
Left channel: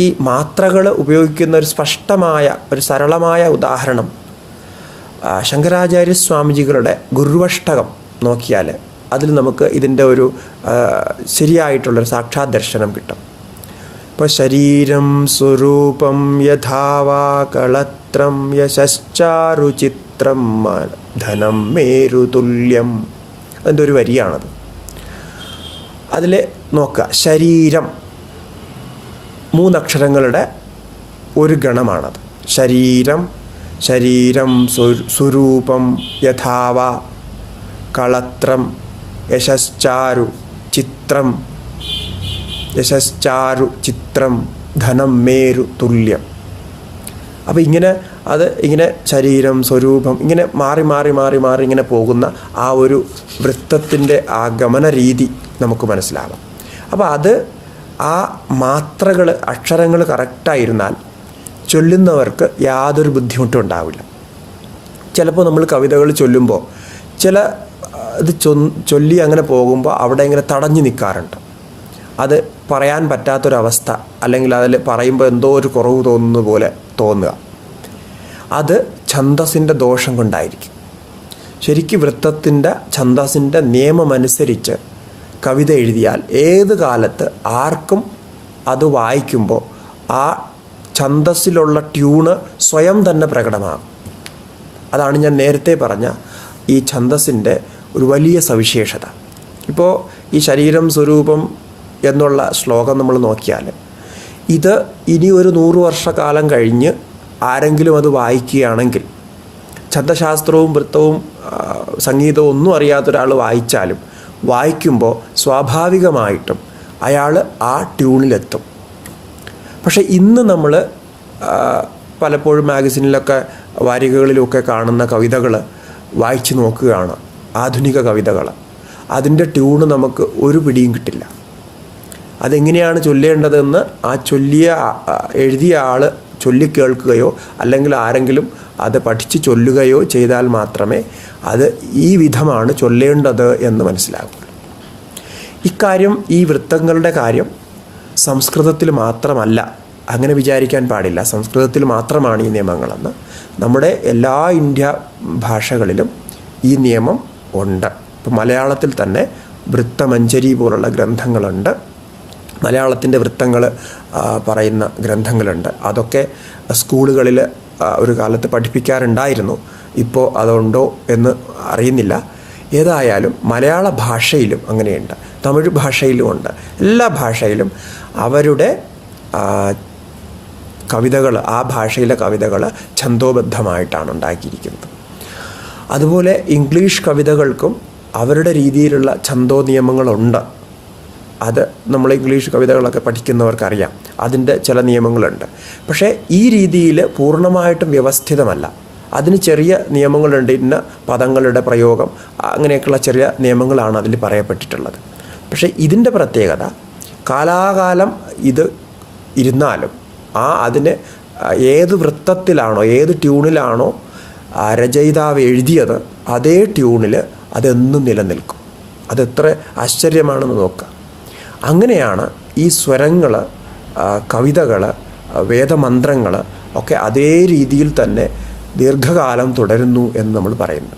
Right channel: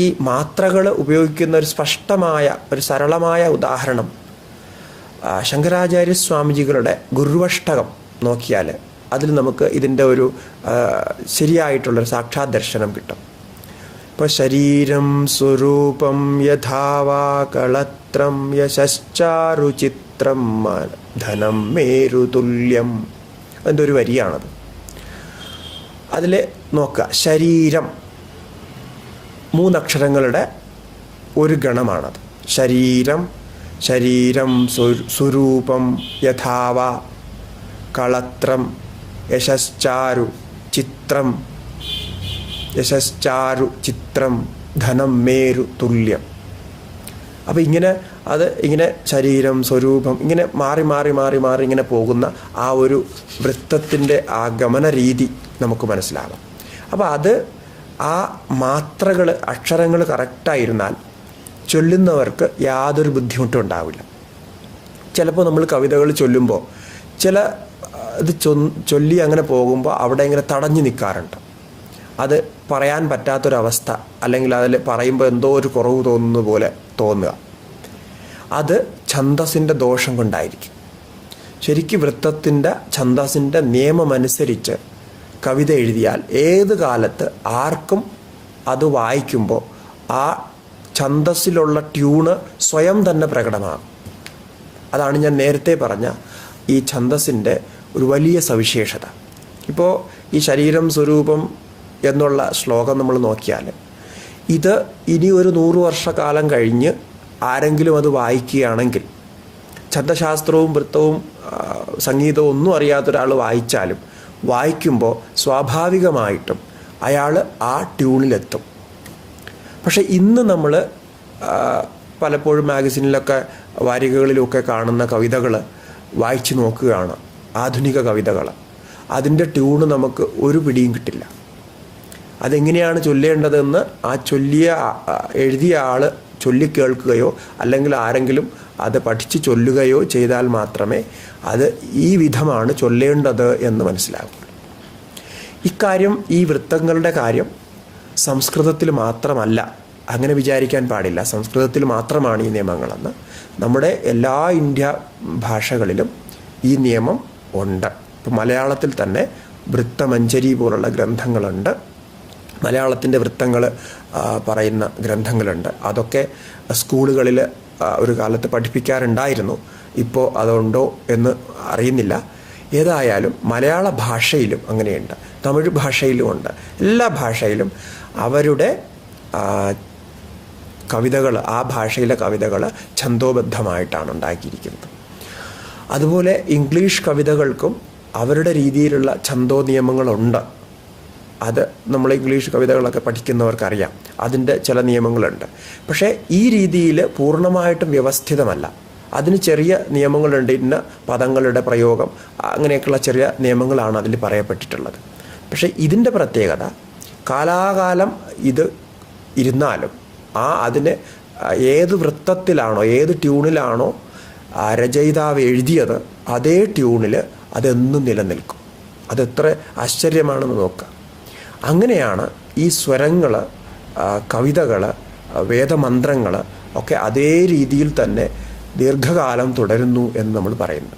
ഈ മാത്രകൾ ഉപയോഗിക്കുന്ന ഒരു സ്പഷ്ടമായ ഒരു സരളമായ ഉദാഹരണം ശങ്കരാചാര്യ സ്വാമിജികളുടെ ഗുരുവഷ്ടകം നോക്കിയാൽ അതിൽ നമുക്ക് ഇതിൻ്റെ ഒരു ശരിയായിട്ടുള്ളൊരു സാക്ഷാത് ദർശനം കിട്ടും. ഇപ്പോൾ ശരീരം സ്വരൂപം യഥാവാ കളത്രം യശശ്ചാരുചിത്രം ധനം മേരുതുല്യം, അതിൻ്റെ ഒരു വരിയാണത്. അതിൽ നോക്കുക, ശരീരം 3 അക്ഷരങ്ങളുടെ ഒരു ഗണമാണത്. ശരീരം, ശരീരം സ്വരൂപം യഥാവ കളത്രം യശശ്ചാരു ചിത്രം, യശശ്ചാരു ചിത്രം ധനം മേരു തുല്യം. അപ്പോൾ ഇങ്ങനെ അത് ഇങ്ങനെ ശരീരം, സ്വരൂപം ഇങ്ങനെ മാറി മാറി മാറി മാറി ഇങ്ങനെ പോകുന്ന ആ ഒരു വൃത്തത്തിൻ്റെ ആ ഗമന രീതി നമുക്ക് മനസ്സിലാകാം. അപ്പോൾ അത് ആ മാത്രകൾ, അക്ഷരങ്ങൾ കറക്റ്റായിരുന്നാൽ ചൊല്ലുന്നവർക്ക് യാതൊരു ബുദ്ധിമുട്ടും ഉണ്ടാവില്ല. ചിലപ്പോൾ നമ്മൾ കവിതകൾ ചൊല്ലുമ്പോൾ ചില ഇത് ചൊല്ലി അങ്ങനെ പോകുമ്പോൾ അവിടെ ഇങ്ങനെ തടഞ്ഞു നിൽക്കാറുണ്ട്. അത് പറയാൻ പറ്റാത്തൊരവസ്ഥ, അല്ലെങ്കിൽ അതിൽ പറയുമ്പോൾ എന്തോ ഒരു കുറവ് തോന്നുന്ന പോലെ തോന്നുക. അത് ഛന്ദസ്സിൻ്റെ ദോഷം കൊണ്ടായിരിക്കും. ശരിക്കും വൃത്തത്തിൻ്റെ ഛന്ദസ്സിൻ്റെ നിയമമനുസരിച്ച് കവിത എഴുതിയാൽ ഏത് കാലത്ത് ആർക്കും അത് വായിക്കുമ്പോൾ ആ ഛന്ദസ്സിലുള്ള ട്യൂണ് സ്വയം തന്നെ പ്രകടമാകും. അതാണ് ഞാൻ നേരത്തെ പറഞ്ഞ ഈ ഛന്ദസ്സിൻ്റെ ഒരു വലിയ സവിശേഷത. ഇപ്പോൾ ഈ ശരീരം സ്വരൂപം എന്നുള്ള ശ്ലോകം നമ്മൾ നോക്കിയാൽ ഇത് ഇനി ഒരു 100 വർഷക്കാലം കഴിഞ്ഞ് ആരെങ്കിലും അത് വായിക്കുകയാണെങ്കിൽ, ഛന്ദശാസ്ത്രവും വൃത്തവും സംഗീതവും ഒന്നും അറിയാത്തൊരാൾ വായിച്ചാലും വായിക്കുമ്പോൾ സ്വാഭാവികമായിട്ടും അയാൾ ആ ട്യൂണിലെത്തും. പക്ഷെ ഇന്ന് നമ്മൾ പലപ്പോഴും മാഗസിനിലൊക്കെ വാരികകളിലൊക്കെ കാണുന്ന കവിതകൾ വായിച്ചു നോക്കുകയാണ്, ആധുനിക കവിതകൾ. അതിൻ്റെ ട്യൂണ് നമുക്ക് ഒരു പിടിയും കിട്ടില്ല. അതെങ്ങനെയാണ് ചൊല്ലേണ്ടതെന്ന് ആ എഴുതിയ ആൾ ചൊല്ലിക്കേൾക്കുകയോ അല്ലെങ്കിൽ ആരെങ്കിലും അത് പഠിച്ച് ചൊല്ലുകയോ ചെയ്താൽ മാത്രമേ അത് ഈ വിധമാണ് ചൊല്ലേണ്ടത് എന്ന് മനസ്സിലാകൂ. ഇക്കാര്യം, ഈ വൃത്തങ്ങളുടെ കാര്യം സംസ്കൃതത്തിൽ മാത്രമല്ല, അങ്ങനെ വിചാരിക്കാൻ പാടില്ല. സംസ്കൃതത്തിൽ മാത്രമാണ് ഈ നിയമങ്ങളെന്ന്. നമ്മുടെ എല്ലാ ഇന്ത്യ ഭാഷകളിലും ഈ നിയമം ഉണ്ട്. ഇപ്പം മലയാളത്തിൽ തന്നെ വൃത്തമഞ്ജരി പോലുള്ള ഗ്രന്ഥങ്ങളുണ്ട്. മലയാളത്തിൻ്റെ വൃത്തങ്ങൾ പറയുന്ന ഗ്രന്ഥങ്ങളുണ്ട്. അതൊക്കെ സ്കൂളുകളിൽ ഒരു കാലത്ത് പഠിപ്പിക്കാറുണ്ടായിരുന്നു. ഇപ്പോൾ അതുണ്ടോ എന്ന് അറിയുന്നില്ല. ഏതായാലും മലയാള ഭാഷയിലും അങ്ങനെയുണ്ട്, തമിഴ് ഭാഷയിലും ഉണ്ട്. എല്ലാ ഭാഷയിലും അവരുടെ കവിതകൾ, ആ ഭാഷയിലെ കവിതകൾ ഛന്ദോബദ്ധമായിട്ടാണ് ഉണ്ടാക്കിയിരിക്കുന്നത്. അതുപോലെ ഇംഗ്ലീഷ് കവിതകൾക്കും അവരുടെ രീതിയിലുള്ള ഛന്ദോ നിയമങ്ങളുണ്ട്. അത് നമ്മൾ ഇംഗ്ലീഷ് കവിതകളൊക്കെ പഠിക്കുന്നവർക്കറിയാം, അതിൻ്റെ ചില നിയമങ്ങളുണ്ട്. പക്ഷേ ഈ രീതിയിൽ പൂർണ്ണമായിട്ടും വ്യവസ്ഥിതമല്ല. അതിന് ചെറിയ നിയമങ്ങളുണ്ട്. ഇന്ന പദങ്ങളുടെ പ്രയോഗം, അങ്ങനെയൊക്കെയുള്ള ചെറിയ നിയമങ്ങളാണ് അതിൽ പറയപ്പെട്ടിട്ടുള്ളത്. പക്ഷേ ഇതിൻ്റെ പ്രത്യേകത, കാലാകാലം ഇത് ഇരുന്നാലും അതിന് ഏത് വൃത്തത്തിലാണോ, ഏത് ട്യൂണിലാണോ രചയിതാവ് എഴുതിയത്, അതേ ട്യൂണിൽ അതെന്നും നിലനിൽക്കും. അതെത്ര ആശ്ചര്യമാണെന്ന് നോക്കുക. അങ്ങനെയാണ് ഈ സ്വരങ്ങൾ, കവിതകൾ, വേദമന്ത്രങ്ങൾ ഒക്കെ അതേ രീതിയിൽ തന്നെ ദീർഘകാലം തുടരുന്നു എന്ന് നമ്മൾ പറയുന്നു.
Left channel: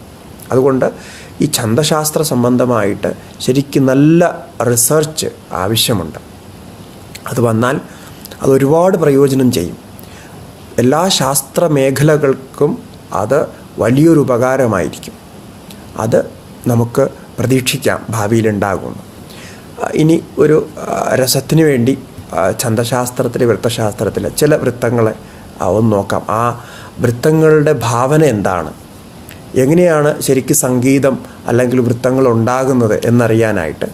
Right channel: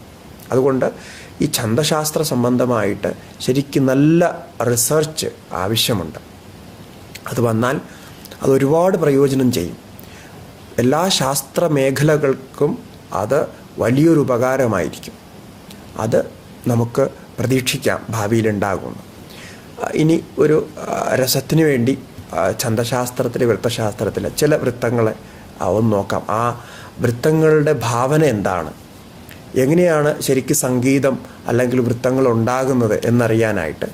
അതുകൊണ്ട് ഈ ഛന്ദശാസ്ത്ര സംബന്ധമായിട്ട് ശരിക്കും നല്ല റിസർച്ച് ആവശ്യമുണ്ട്. അത് വന്നാൽ അതൊരുപാട് പ്രയോജനം ചെയ്യും. എല്ലാ ശാസ്ത്ര മേഖലകൾക്കും അത് വലിയൊരു ഉപകാരമായിരിക്കും. അത് നമുക്ക് പ്രതീക്ഷിക്കാം ഭാവിയിലുണ്ടാകുമെന്ന്. ഇനി ഒരു രസത്തിന് വേണ്ടി ഛന്ദശാസ്ത്രത്തിൽ, വൃത്തശാസ്ത്രത്തിൽ ചില വൃത്തങ്ങളെ ഒന്ന് നോക്കാം. ആ വൃത്തങ്ങളുടെ ഭാവന എന്താണ്, എങ്ങനെയാണ് ശരിക്കും സംഗീതം അല്ലെങ്കിൽ വൃത്തങ്ങൾ ഉണ്ടാകുന്നത് എന്നറിയാനായിട്ട്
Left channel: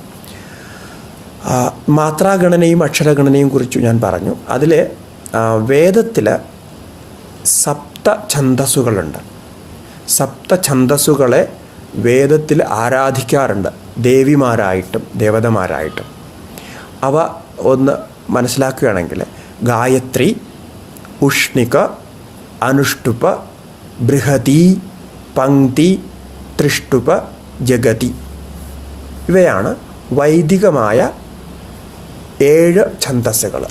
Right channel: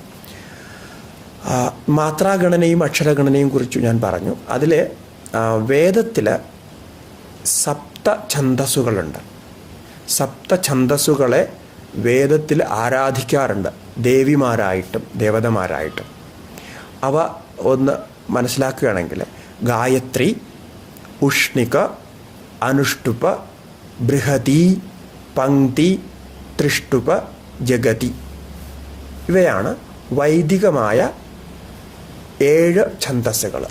മാത്രാഗണനയും അക്ഷരഗണനയും കുറിച്ച് ഞാൻ പറഞ്ഞു. അതിൽ വേദത്തിൽ സപ്തഛന്ദസ്സുകളുണ്ട്. സപ്തഛന്ദസ്സുകളെ വേദത്തിൽ ആരാധിക്കാറുണ്ട്, ദേവിമാരായിട്ടും ദേവതമാരായിട്ടും. അവ ഒന്ന് മനസ്സിലാക്കുകയാണെങ്കിൽ ഗായത്രി, ഉഷ്ണിക, അനുഷ്ടുപ, ബൃഹതി, പങ്ക്തി, ത്രിഷ്ടുപ, ജഗതി. ഇവയാണ് വൈദികമായ 7 ഛന്ദസ്സുകൾ,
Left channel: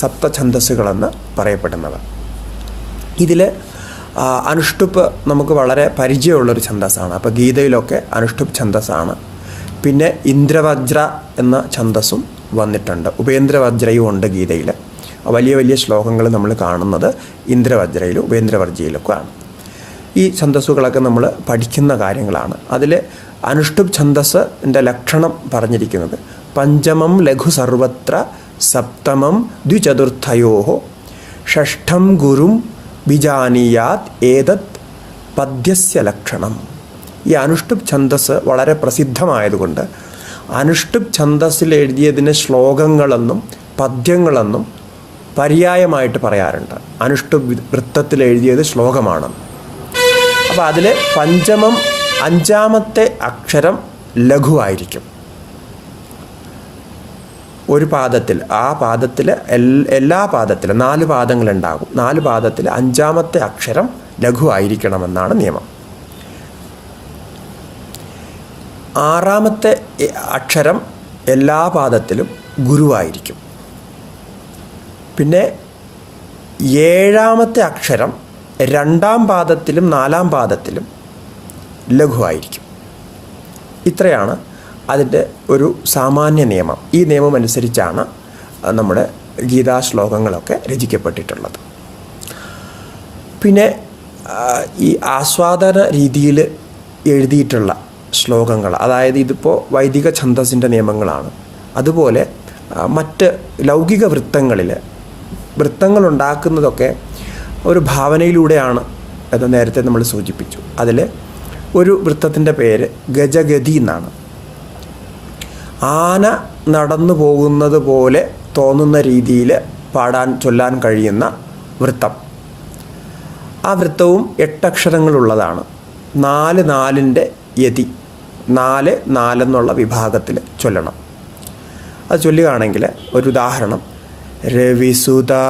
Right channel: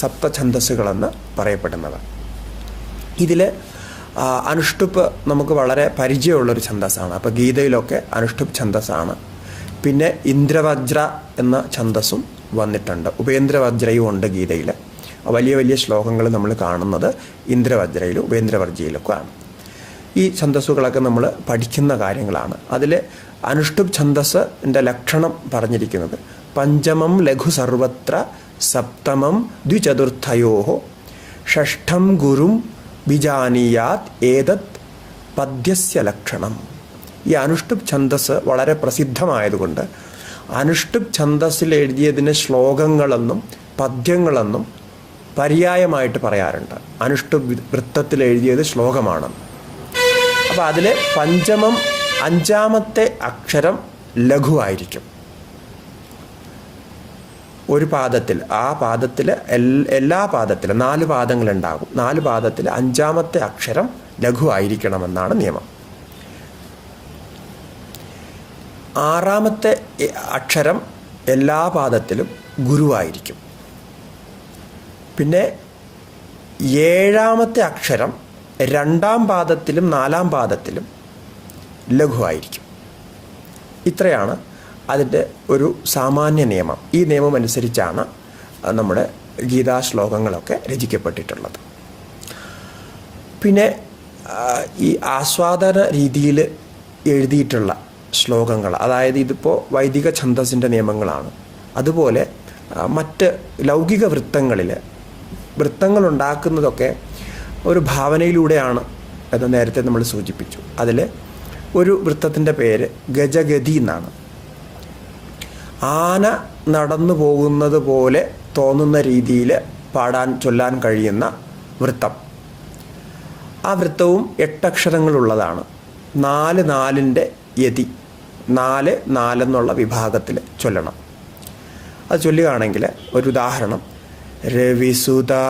സപ്തഛന്ദസ്സുകളെന്ന് പറയപ്പെടുന്നവ. ഇതിൽ അനുഷ്ടുപ്പ് നമുക്ക് വളരെ പരിചയമുള്ളൊരു ഛന്ദസ്സാണ്. അപ്പോൾ ഗീതയിലൊക്കെ അനുഷ്ടുപ്പ് ഛന്ദസ്സാണ്. പിന്നെ ഇന്ദ്രവജ്ര എന്ന ഛന്ദസ്സും വന്നിട്ടുണ്ട്. ഉപേന്ദ്രവജ്രയും ഉണ്ട് ഗീതയിൽ. വലിയ വലിയ ശ്ലോകങ്ങൾ നമ്മൾ കാണുന്നത് ഇന്ദ്രവജ്രയിലും ഉപേന്ദ്രവർജയിലൊക്കെ ആണ്. ഈ ഛന്ദസ്സുകളൊക്കെ നമ്മൾ പഠിക്കുന്ന കാര്യങ്ങളാണ്. അതിൽ അനുഷ്ടുപ്പ് ഛന്ദസ്സിൻ്റെ ലക്ഷണം പറഞ്ഞിരിക്കുന്നത് പഞ്ചമം ലഘു സർവത്ര സപ്തമം ദ്വിചതുർത്ഥയോ ഷഷ്ഠം ഗുരും വിജാനീയാത് ഏതത് പദ്യസ്യ ലക്ഷണം. ഈ അനുഷ്ടുപ്പ് ഛന്ദസ് വളരെ പ്രസിദ്ധമായതുകൊണ്ട് അനുഷ്ടുപ്പ് ഛന്ദസ്സിൽ എഴുതിയതിന് ശ്ലോകങ്ങളെന്നും പദ്യങ്ങളെന്നും പര്യായമായിട്ട് പറയാറുണ്ട്. അനുഷ്ടുപ് വൃത്തത്തിൽ എഴുതിയത് ശ്ലോകമാണ്. അപ്പോൾ അതിൽ പഞ്ചമം 5ാമത്തെ അക്ഷരം ലഘുവായിരിക്കും. ഒരു പാദത്തിൽ, ആ പാദത്തിൽ എല്ലാ പാദത്തിലും 4 പാദങ്ങളുണ്ടാകും. 4 പാദത്തിൽ 5ാമത്തെ അക്ഷരം ലഘുവായിരിക്കണമെന്നാണ് നിയമം. 6ാമത്തെ അക്ഷരം എല്ലാ പാദത്തിലും ഗുരുവായിരിക്കും. പിന്നെ 7ാമത്തെ അക്ഷരം 2ാം പാദത്തിലും 4ാം പാദത്തിലും ലഘുവായിരിക്കും. ഇത്രയാണ് അതിൻ്റെ ഒരു സാമാന്യ നിയമം. ഈ നിയമം അനുസരിച്ചാണ് നമ്മുടെ ഗീതാ ശ്ലോകങ്ങളൊക്കെ രചിക്കപ്പെട്ടിട്ടുള്ളത്. പിന്നെ ഈ ആസ്വാദന രീതിയിൽ എഴുതിയിട്ടുള്ള ശ്ലോകങ്ങൾ, അതായത് ഇതിപ്പോൾ വൈദിക ഛന്ദസ്സിൻ്റെ നിയമങ്ങളാണ്. അതുപോലെ മറ്റ് ലൗകിക വൃത്തങ്ങൾ ഉണ്ടാക്കുന്നതൊക്കെ ഒരു ഭാവനയിലൂടെയാണ് എന്ന് നേരത്തെ നമ്മൾ സൂചിപ്പിച്ചു. അതിൽ ഒരു വൃത്തത്തിൻ്റെ പേര് ഗജഗതി എന്നാണ്. ആന നടന്നു പോകുന്നത് പോലെ തോന്നുന്ന രീതിയിൽ ചൊല്ലാൻ കഴിയുന്ന വൃത്തം. ആ വൃത്തവും 8 അക്ഷരങ്ങളുള്ളതാണ്. 4 യതി, 4 എന്നുള്ള വിഭാഗത്തിൽ ചൊല്ലണം. അത് ചൊല്ലുകയാണെങ്കിൽ ഒരു ഉദാഹരണം: രവിസുതാ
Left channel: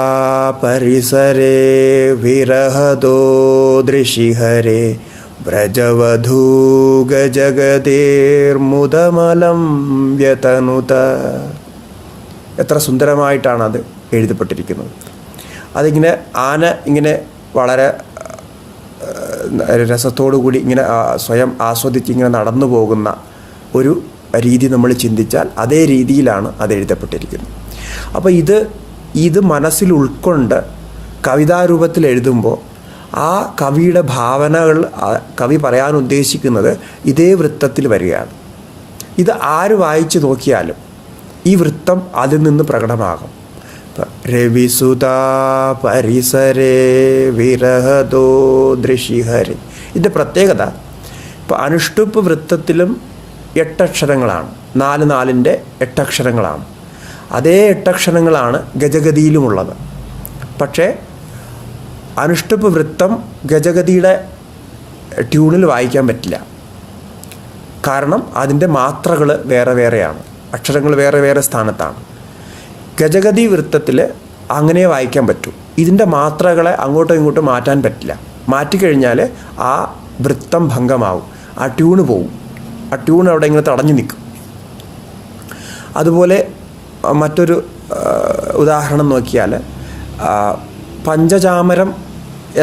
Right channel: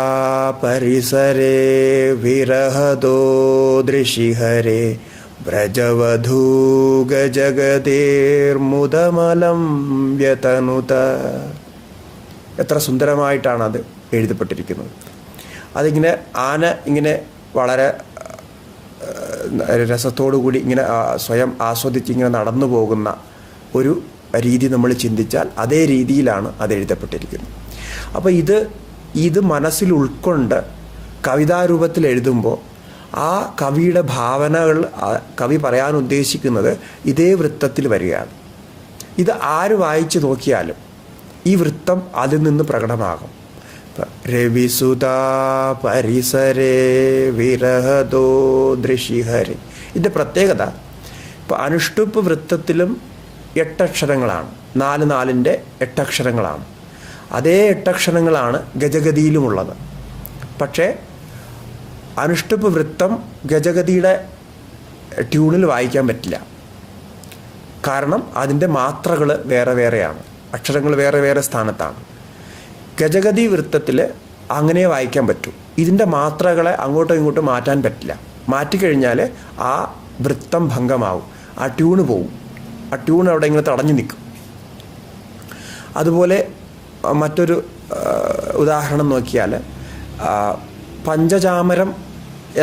പരിസരേ വിരഹദോ ദൃശിഹരേ വ്രജവധൂ ഗജഗതേർമുദമലം വ്യതനുത. എത്ര സുന്ദരമായിട്ടാണ് അത് എഴുതപ്പെട്ടിരിക്കുന്നത്. അതിങ്ങനെ ആന ഇങ്ങനെ വളരെ രസത്തോടു കൂടി ഇങ്ങനെ സ്വയം ആസ്വദിച്ച് ഇങ്ങനെ നടന്നു പോകുന്ന ഒരു രീതി നമ്മൾ ചിന്തിച്ചാൽ അതേ രീതിയിലാണ് അത് എഴുതപ്പെട്ടിരിക്കുന്നത്. അപ്പോൾ ഇത് മനസ്സിൽ ഉൾക്കൊണ്ട് കവിതാരൂപത്തിൽ എഴുതുമ്പോൾ ആ കവിയുടെ ഭാവനകൾ കവി പറയാൻ ഉദ്ദേശിക്കുന്നത് ഇതേ വൃത്തത്തിൽ വരികയാണ്. ഇത് ആര് വായിച്ചു നോക്കിയാലും ഈ വൃത്തം അതിൽ നിന്ന് പ്രകടമാകും. രവിസുതാ പരിസരേ വിരഹദോ ദൃശിഹരി. ഇതിൻ്റെ പ്രത്യേകത, ഇപ്പോൾ അനുഷ്ടുപ്പ് വൃത്തത്തിലും 8 അക്ഷരങ്ങളാണ്. 4 8 അക്ഷരങ്ങളാണ്. അതേ 8 അക്ഷരങ്ങളാണ് ഗജഗതിയിലുമുള്ളത്. പക്ഷേ അനുഷ്ടുപ്പ് വൃത്തം ഗജഗതിയുടെ ട്യൂണിൽ വായിക്കാൻ പറ്റില്ല. കാരണം അതിൻ്റെ മാത്രകൾ വേറെ വേറെയാണ്, അക്ഷരങ്ങൾ വേറെ വേറെ സ്ഥാനത്താണ്. ഗജഗതി വൃത്തത്തിൽ അങ്ങനെ വായിക്കാൻ പറ്റും. ഇതിൻ്റെ മാത്രകളെ അങ്ങോട്ടും ഇങ്ങോട്ടും മാറ്റാൻ പറ്റില്ല. മാറ്റിക്കഴിഞ്ഞാൽ ആ വൃത്തം ഭംഗമാവും, ആ ട്യൂണ് പോവും. ആ ട്യൂൺ അവിടെ ഇങ്ങനെ തടഞ്ഞു നിൽക്കും. അതുപോലെ മറ്റൊരു ഉദാഹരണം നോക്കിയാൽ പഞ്ചചാമരം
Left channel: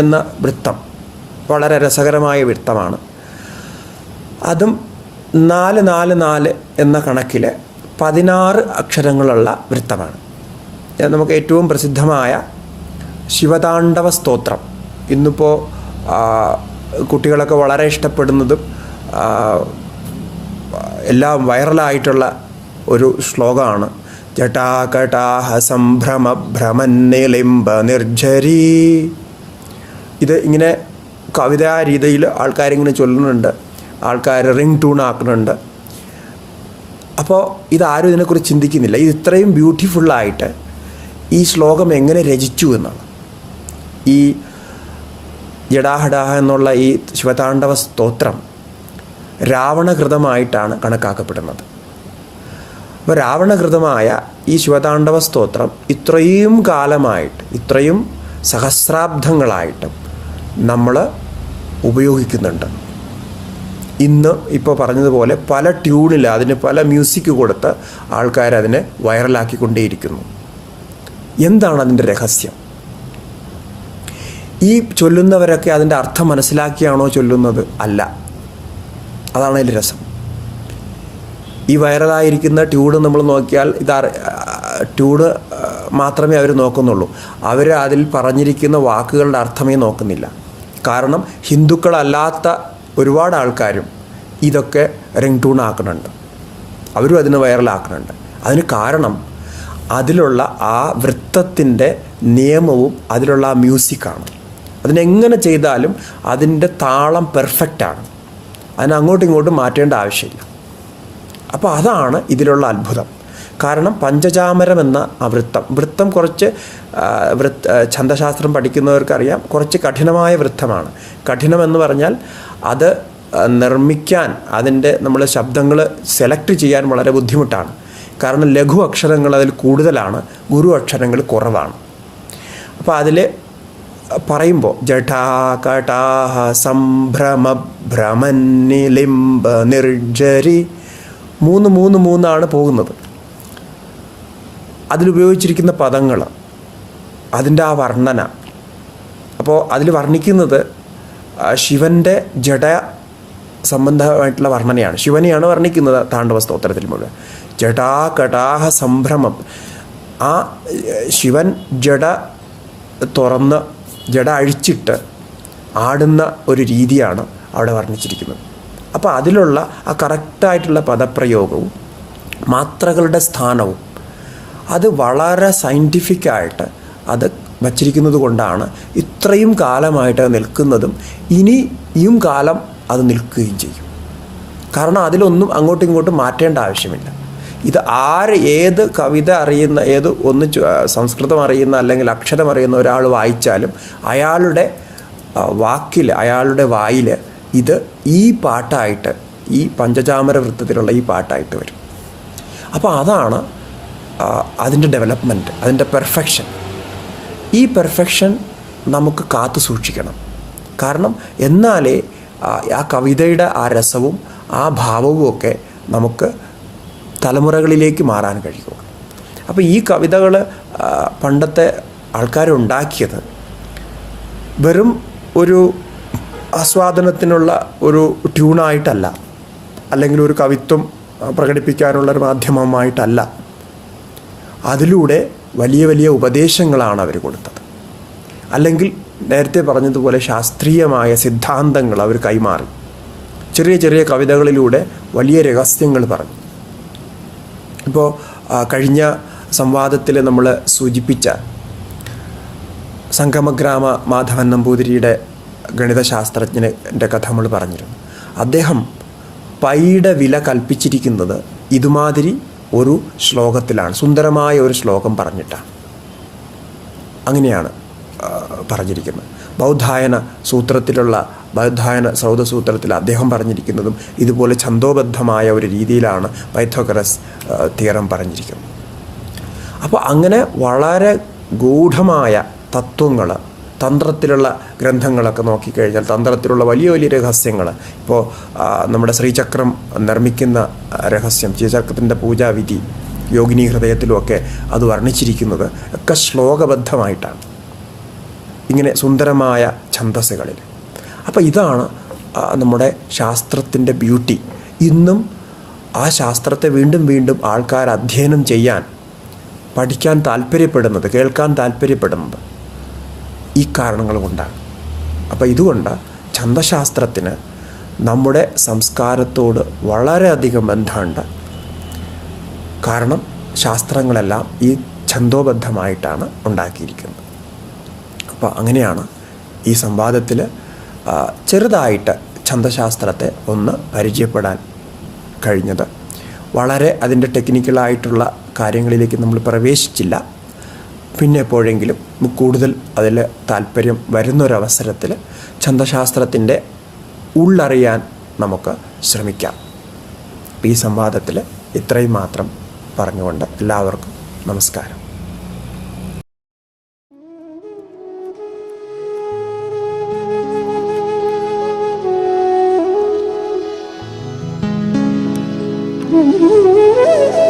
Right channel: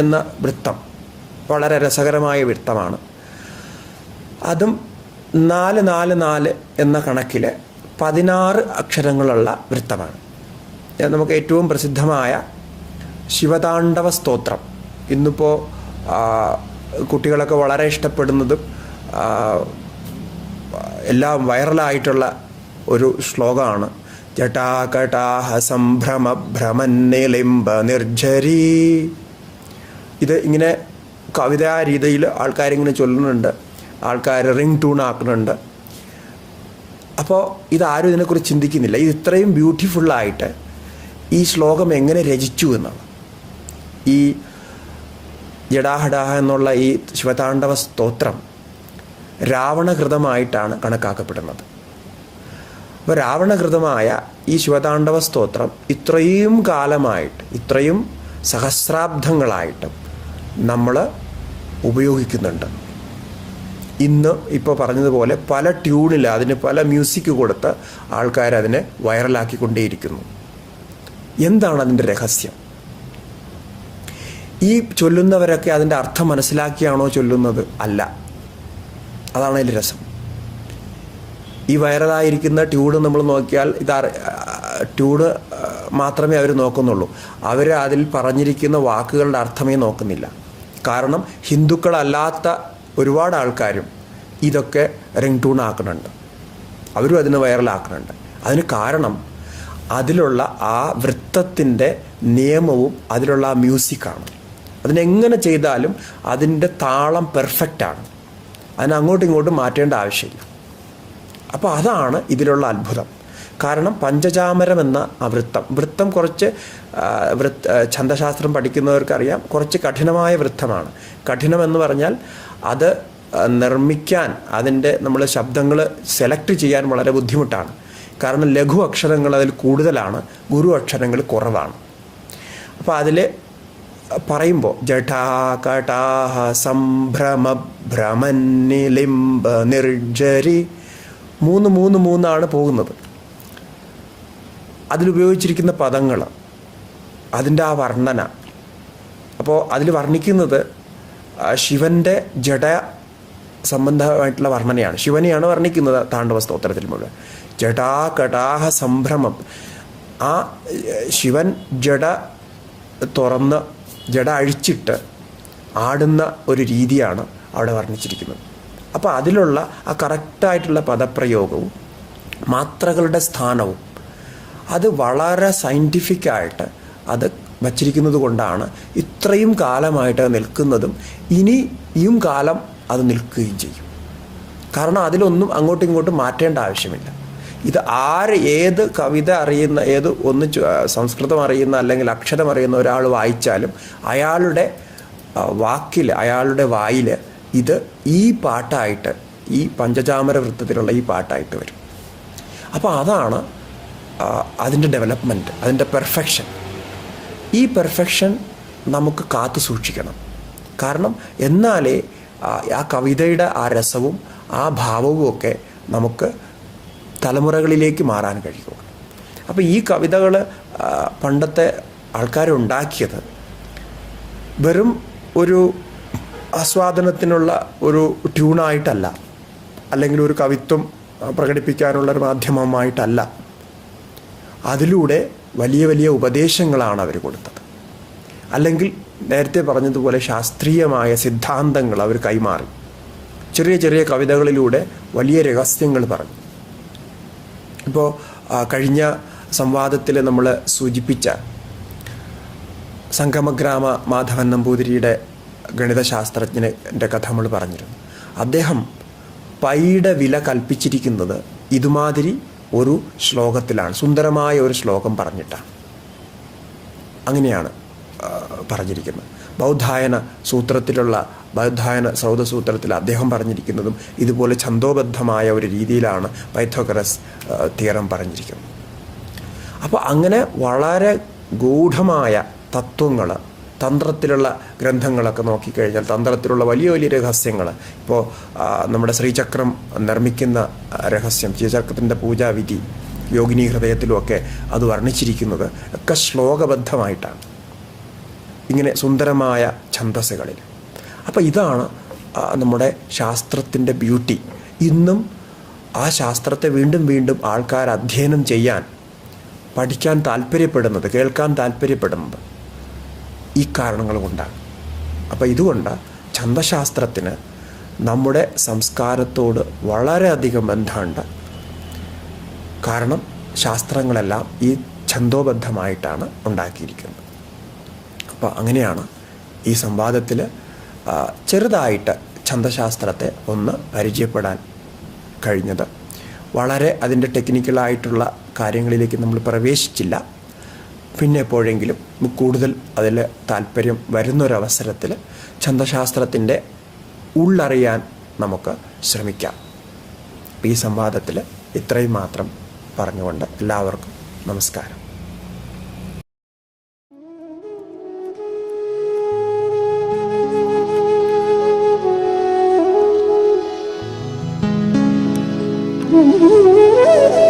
എന്ന വൃത്തം വളരെ രസകരമായ വൃത്തമാണ്. അതും 4 എന്ന കണക്കിൽ 16 അക്ഷരങ്ങളുള്ള വൃത്തമാണ്. നമുക്ക് ഏറ്റവും പ്രസിദ്ധമായ ശിവതാണ്ഡവ സ്തോത്രം, ഇന്നിപ്പോൾ കുട്ടികളൊക്കെ വളരെ ഇഷ്ടപ്പെടുന്നതും എല്ലാം വൈറലായിട്ടുള്ള ഒരു ശ്ലോകമാണ്. ജടാകടാഹ സംഭ്രമ ഭ്രമന്നിലിംബ നിർജ്ജരീ. ഇത് ഇങ്ങനെ കവിതാ രീതിയിൽ ആൾക്കാരിങ്ങനെ ചൊല്ലുന്നുണ്ട്, ആൾക്കാർ റിംഗ് ട്യൂൺ ആക്കുന്നുണ്ട്. അപ്പോൾ ഇതാരും ഇതിനെക്കുറിച്ച് ചിന്തിക്കുന്നില്ല. ഇത് ഇത്രയും ബ്യൂട്ടിഫുള്ളായിട്ട് ഈ ശ്ലോകം എങ്ങനെ രചിച്ചു എന്നാണ്. ഈ ജടാഹടാഹ എന്നുള്ള ഈ ശിവതാണ്ഡവ സ്തോത്രം രാവണകൃതമായിട്ടാണ് കണക്കാക്കപ്പെടുന്നത്. അപ്പോൾ രാവണകൃതമായ ഈ ശിവതാണ്ഡവ സ്തോത്രം ഇത്രയും കാലമായിട്ട്, ഇത്രയും സഹസ്രാബ്ദങ്ങളായിട്ടും നമ്മൾ ഉപയോഗിക്കുന്നുണ്ട്. ഇന്ന് ഇപ്പോൾ പറഞ്ഞതുപോലെ പല ട്യൂണിൽ അതിന് പല മ്യൂസിക് കൊടുത്ത് ആൾക്കാർ അതിനെ വൈറലാക്കിക്കൊണ്ടേയിരിക്കുന്നു. എന്താണ് അതിൻ്റെ രഹസ്യം? ഈ ചൊല്ലുന്നവരൊക്കെ അതിൻ്റെ അർത്ഥം മനസ്സിലാക്കിയാണോ ചൊല്ലുന്നത്? അല്ല. അതാണ് അതിൻ്റെ രസം. ഈ വൈറലായിരിക്കുന്ന ട്യൂണ് നമ്മൾ നോക്കിയാൽ ട്യൂണ് മാത്രമേ അവർ നോക്കുന്നുള്ളൂ. അവർ അതിൽ പറഞ്ഞിരിക്കുന്ന വാക്കുകളുടെ അർത്ഥമേ നോക്കുന്നില്ല. കാരണം ഹിന്ദുക്കളല്ലാത്ത ഒരുപാട് ആൾക്കാരും ഇതൊക്കെ റിംഗ് ട്യൂൺ ആക്കുന്നുണ്ട്, അവരും അതിന് വൈറലാക്കുന്നുണ്ട്. അതിന് കാരണം അതിലുള്ള ആ വൃത്തത്തിൻ്റെ നിയമവും അതിലുള്ള ആ മ്യൂസിക്കാണ്. അതിനെങ്ങനെ ചെയ്താലും അതിൻ്റെ താളം പെർഫെക്റ്റാണ്, അതിന് അങ്ങോട്ടും ഇങ്ങോട്ടും മാറ്റേണ്ട ആവശ്യമില്ല. അപ്പോൾ അതാണ് ഇതിലുള്ള അത്ഭുതം. കാരണം പഞ്ചചാമരം എന്ന ആ വൃത്തം കുറച്ച് ഛന്ദശാസ്ത്രം പഠിക്കുന്നവർക്കറിയാം കുറച്ച് കഠിനമായ വൃത്തമാണ്. കഠിനമെന്ന് പറഞ്ഞാൽ അത് നിർമ്മിക്കാൻ, അതിൻ്റെ നമ്മൾ ശബ്ദങ്ങൾ സെലക്ട് ചെയ്യാൻ വളരെ ബുദ്ധിമുട്ടാണ്. കാരണം ലഘു അക്ഷരങ്ങൾ അതിൽ കൂടുതലാണ്, ഗുരു അക്ഷരങ്ങൾ കുറവാണ്. അപ്പോൾ അതിൽ പറയുമ്പോൾ ജഠാ കടാഹ സംഭ്രമ ഭ്രമന്നിലിംബ നിർജരി മൂന്നാണ് പോകുന്നത്. അതിലുപയോഗിച്ചിരിക്കുന്ന പദങ്ങൾ, അതിൻ്റെ ആ വർണ്ണന. അപ്പോൾ അതിൽ വർണ്ണിക്കുന്നത് ശിവൻ്റെ ജഡ സംബന്ധമായിട്ടുള്ള വർണ്ണനയാണ്. ശിവനെയാണ് വർണ്ണിക്കുന്നത് താണ്ഡവ സ്തോത്രത്തിൽ മുഴുവൻ. ജടാ കടാഹ സംഭ്രമം. ആ ശിവൻ ജഡ തുറന്ന് ജഡ അഴിച്ചിട്ട് ആടുന്ന ഒരു രീതിയാണ് അവിടെ വർണ്ണിച്ചിരിക്കുന്നത്. അപ്പോൾ അതിലുള്ള ആ കറക്റ്റായിട്ടുള്ള പദപ്രയോഗവും മാത്രകളുടെ സ്ഥാനവും അത് വളരെ സയൻറ്റിഫിക്കായിട്ട് അത് വച്ചിരിക്കുന്നത് കൊണ്ടാണ് ഇത്രയും കാലമായിട്ട് നിൽക്കുന്നതും ഇനിയും കാലം അത് നിൽക്കുകയും ചെയ്യും. കാരണം അതിലൊന്നും അങ്ങോട്ടും ഇങ്ങോട്ടും മാറ്റേണ്ട ആവശ്യമില്ല. ഇത് ഏത് കവിത അറിയുന്ന, സംസ്കൃതം അറിയുന്ന അല്ലെങ്കിൽ അക്ഷരം അറിയുന്ന ഒരാൾ വായിച്ചാലും അയാളുടെ വാക്കിൽ, അയാളുടെ വായിൽ ഇത് ഈ പാട്ടായിട്ട്, ഈ പഞ്ചചാമര വൃത്തത്തിലുള്ള ഈ പാട്ടായിട്ട് വരും. അപ്പോൾ അതാണ് അതിൻ്റെ ഡെവലപ്മെൻറ്റ്, അതിൻ്റെ പെർഫെക്ഷൻ. ഈ പെർഫെക്ഷൻ നമുക്ക് കാത്തു സൂക്ഷിക്കണം. കാരണം എന്നാലേ ആ കവിതയുടെ ആ രസവും ആ ഭാവവും ഒക്കെ നമുക്ക് തലമുറകളിലേക്ക് മാറാൻ കഴിയുക. അപ്പോൾ ഈ കവിതകൾ പണ്ടത്തെ ആൾക്കാരുണ്ടാക്കിയത് വെറും ഒരു ആസ്വാദനത്തിനുള്ള ഒരു ട്യൂണായിട്ടല്ല, അല്ലെങ്കിൽ ഒരു കവിത്വം പ്രകടിപ്പിക്കാനുള്ളൊരു മാധ്യമമായിട്ടല്ല. അതിലൂടെ വലിയ വലിയ ഉപദേശങ്ങളാണ് അവർ കൊടുത്തത്. അല്ലെങ്കിൽ നേരത്തെ പറഞ്ഞതുപോലെ ശാസ്ത്രീയമായ സിദ്ധാന്തങ്ങൾ അവർ കൈമാറി. ചെറിയ ചെറിയ കവിതകളിലൂടെ വലിയ രഹസ്യങ്ങൾ പറഞ്ഞു. ഇപ്പോൾ കഴിഞ്ഞ സംവാദത്തിൽ നമ്മൾ സൂചിപ്പിച്ച സംഗമഗ്രാമ മാധവൻ നമ്പൂതിരിയുടെ ഗണിതശാസ്ത്രജ്ഞൻ്റെ കഥ നമ്മൾ പറഞ്ഞിരുന്നു. അദ്ദേഹം പൈയുടെ വില കൽപ്പിച്ചിരിക്കുന്നത് ഇതുമാതിരി ഒരു ശ്ലോകത്തിലാണ്, സുന്ദരമായ ഒരു ശ്ലോകം പറഞ്ഞിട്ടാണ്. അങ്ങനെയാണ് പറഞ്ഞിരിക്കുന്നത്. ബൗദ്ധായന സൗധസൂത്രത്തിൽ അദ്ദേഹം പറഞ്ഞിരിക്കുന്നതും ഇതുപോലെ ഛന്ദോബദ്ധമായ ഒരു രീതിയിലാണ് പൈത്തഗോറസ് തിയറം പറഞ്ഞിരിക്കുന്നത്. അപ്പോൾ അങ്ങനെ വളരെ ഗൂഢമായ തത്വങ്ങൾ, തന്ത്രത്തിലുള്ള ഗ്രന്ഥങ്ങളൊക്കെ നോക്കിക്കഴിഞ്ഞാൽ തന്ത്രത്തിലുള്ള വലിയ വലിയ രഹസ്യങ്ങൾ, ഇപ്പോൾ നമ്മുടെ ശ്രീചക്രം നിർമ്മിക്കുന്ന രഹസ്യം, ശ്രീചക്രത്തിൻ്റെ പൂജാവിധി യോഗിനി ഹൃദയത്തിലുമൊക്കെ അത് വർണ്ണിച്ചിരിക്കുന്നത് ഒക്കെ ശ്ലോകബദ്ധമായിട്ടാണ്, ഇങ്ങനെ സുന്ദരമായ ഛന്ദസ്സുകളിൽ. അപ്പോൾ ഇതാണ് നമ്മുടെ ശാസ്ത്രത്തിൻ്റെ ബ്യൂട്ടി. ഇന്നും ആ ശാസ്ത്രത്തെ വീണ്ടും വീണ്ടും ആൾക്കാർ അധ്യയനം ചെയ്യാൻ, പഠിക്കാൻ താല്പര്യപ്പെടുന്നത്, കേൾക്കാൻ താല്പര്യപ്പെടുന്നത് ഈ കാരണങ്ങൾ കൊണ്ടാണ്. അപ്പോൾ ഇതുകൊണ്ട് ഛന്ദശാസ്ത്രത്തിന് നമ്മുടെ സംസ്കാരത്തോട് വളരെയധികം ബന്ധമുണ്ട്. കാരണം ശാസ്ത്രങ്ങളെല്ലാം ഈ ഛന്ദോബദ്ധമായിട്ടാണ് ഉണ്ടാക്കിയിരിക്കുന്നത്. അപ്പോൾ അങ്ങനെയാണ് ഈ സംവാദത്തിൽ ചെറുതായിട്ട് ഛന്ദശാസ്ത്രത്തെ ഒന്ന് പരിചയപ്പെടാൻ കഴിഞ്ഞത്. വളരെ അതിൻ്റെ ടെക്നിക്കലായിട്ടുള്ള കാര്യങ്ങളിലേക്ക് നമ്മൾ പ്രവേശിച്ചില്ല. പിന്നെ എപ്പോഴെങ്കിലും കൂടുതൽ അതിൽ താല്പര്യം വരുന്നൊരവസരത്തിൽ ഛന്ദശാസ്ത്രത്തിൻ്റെ ഉള്ളറിയാൻ നമുക്ക് ശ്രമിക്കാം. ഈ സംവാദത്തിൽ ഇത്രയും മാത്രം പറഞ്ഞുകൊണ്ട് എല്ലാവർക്കും നമസ്കാരം. Mm-hmm.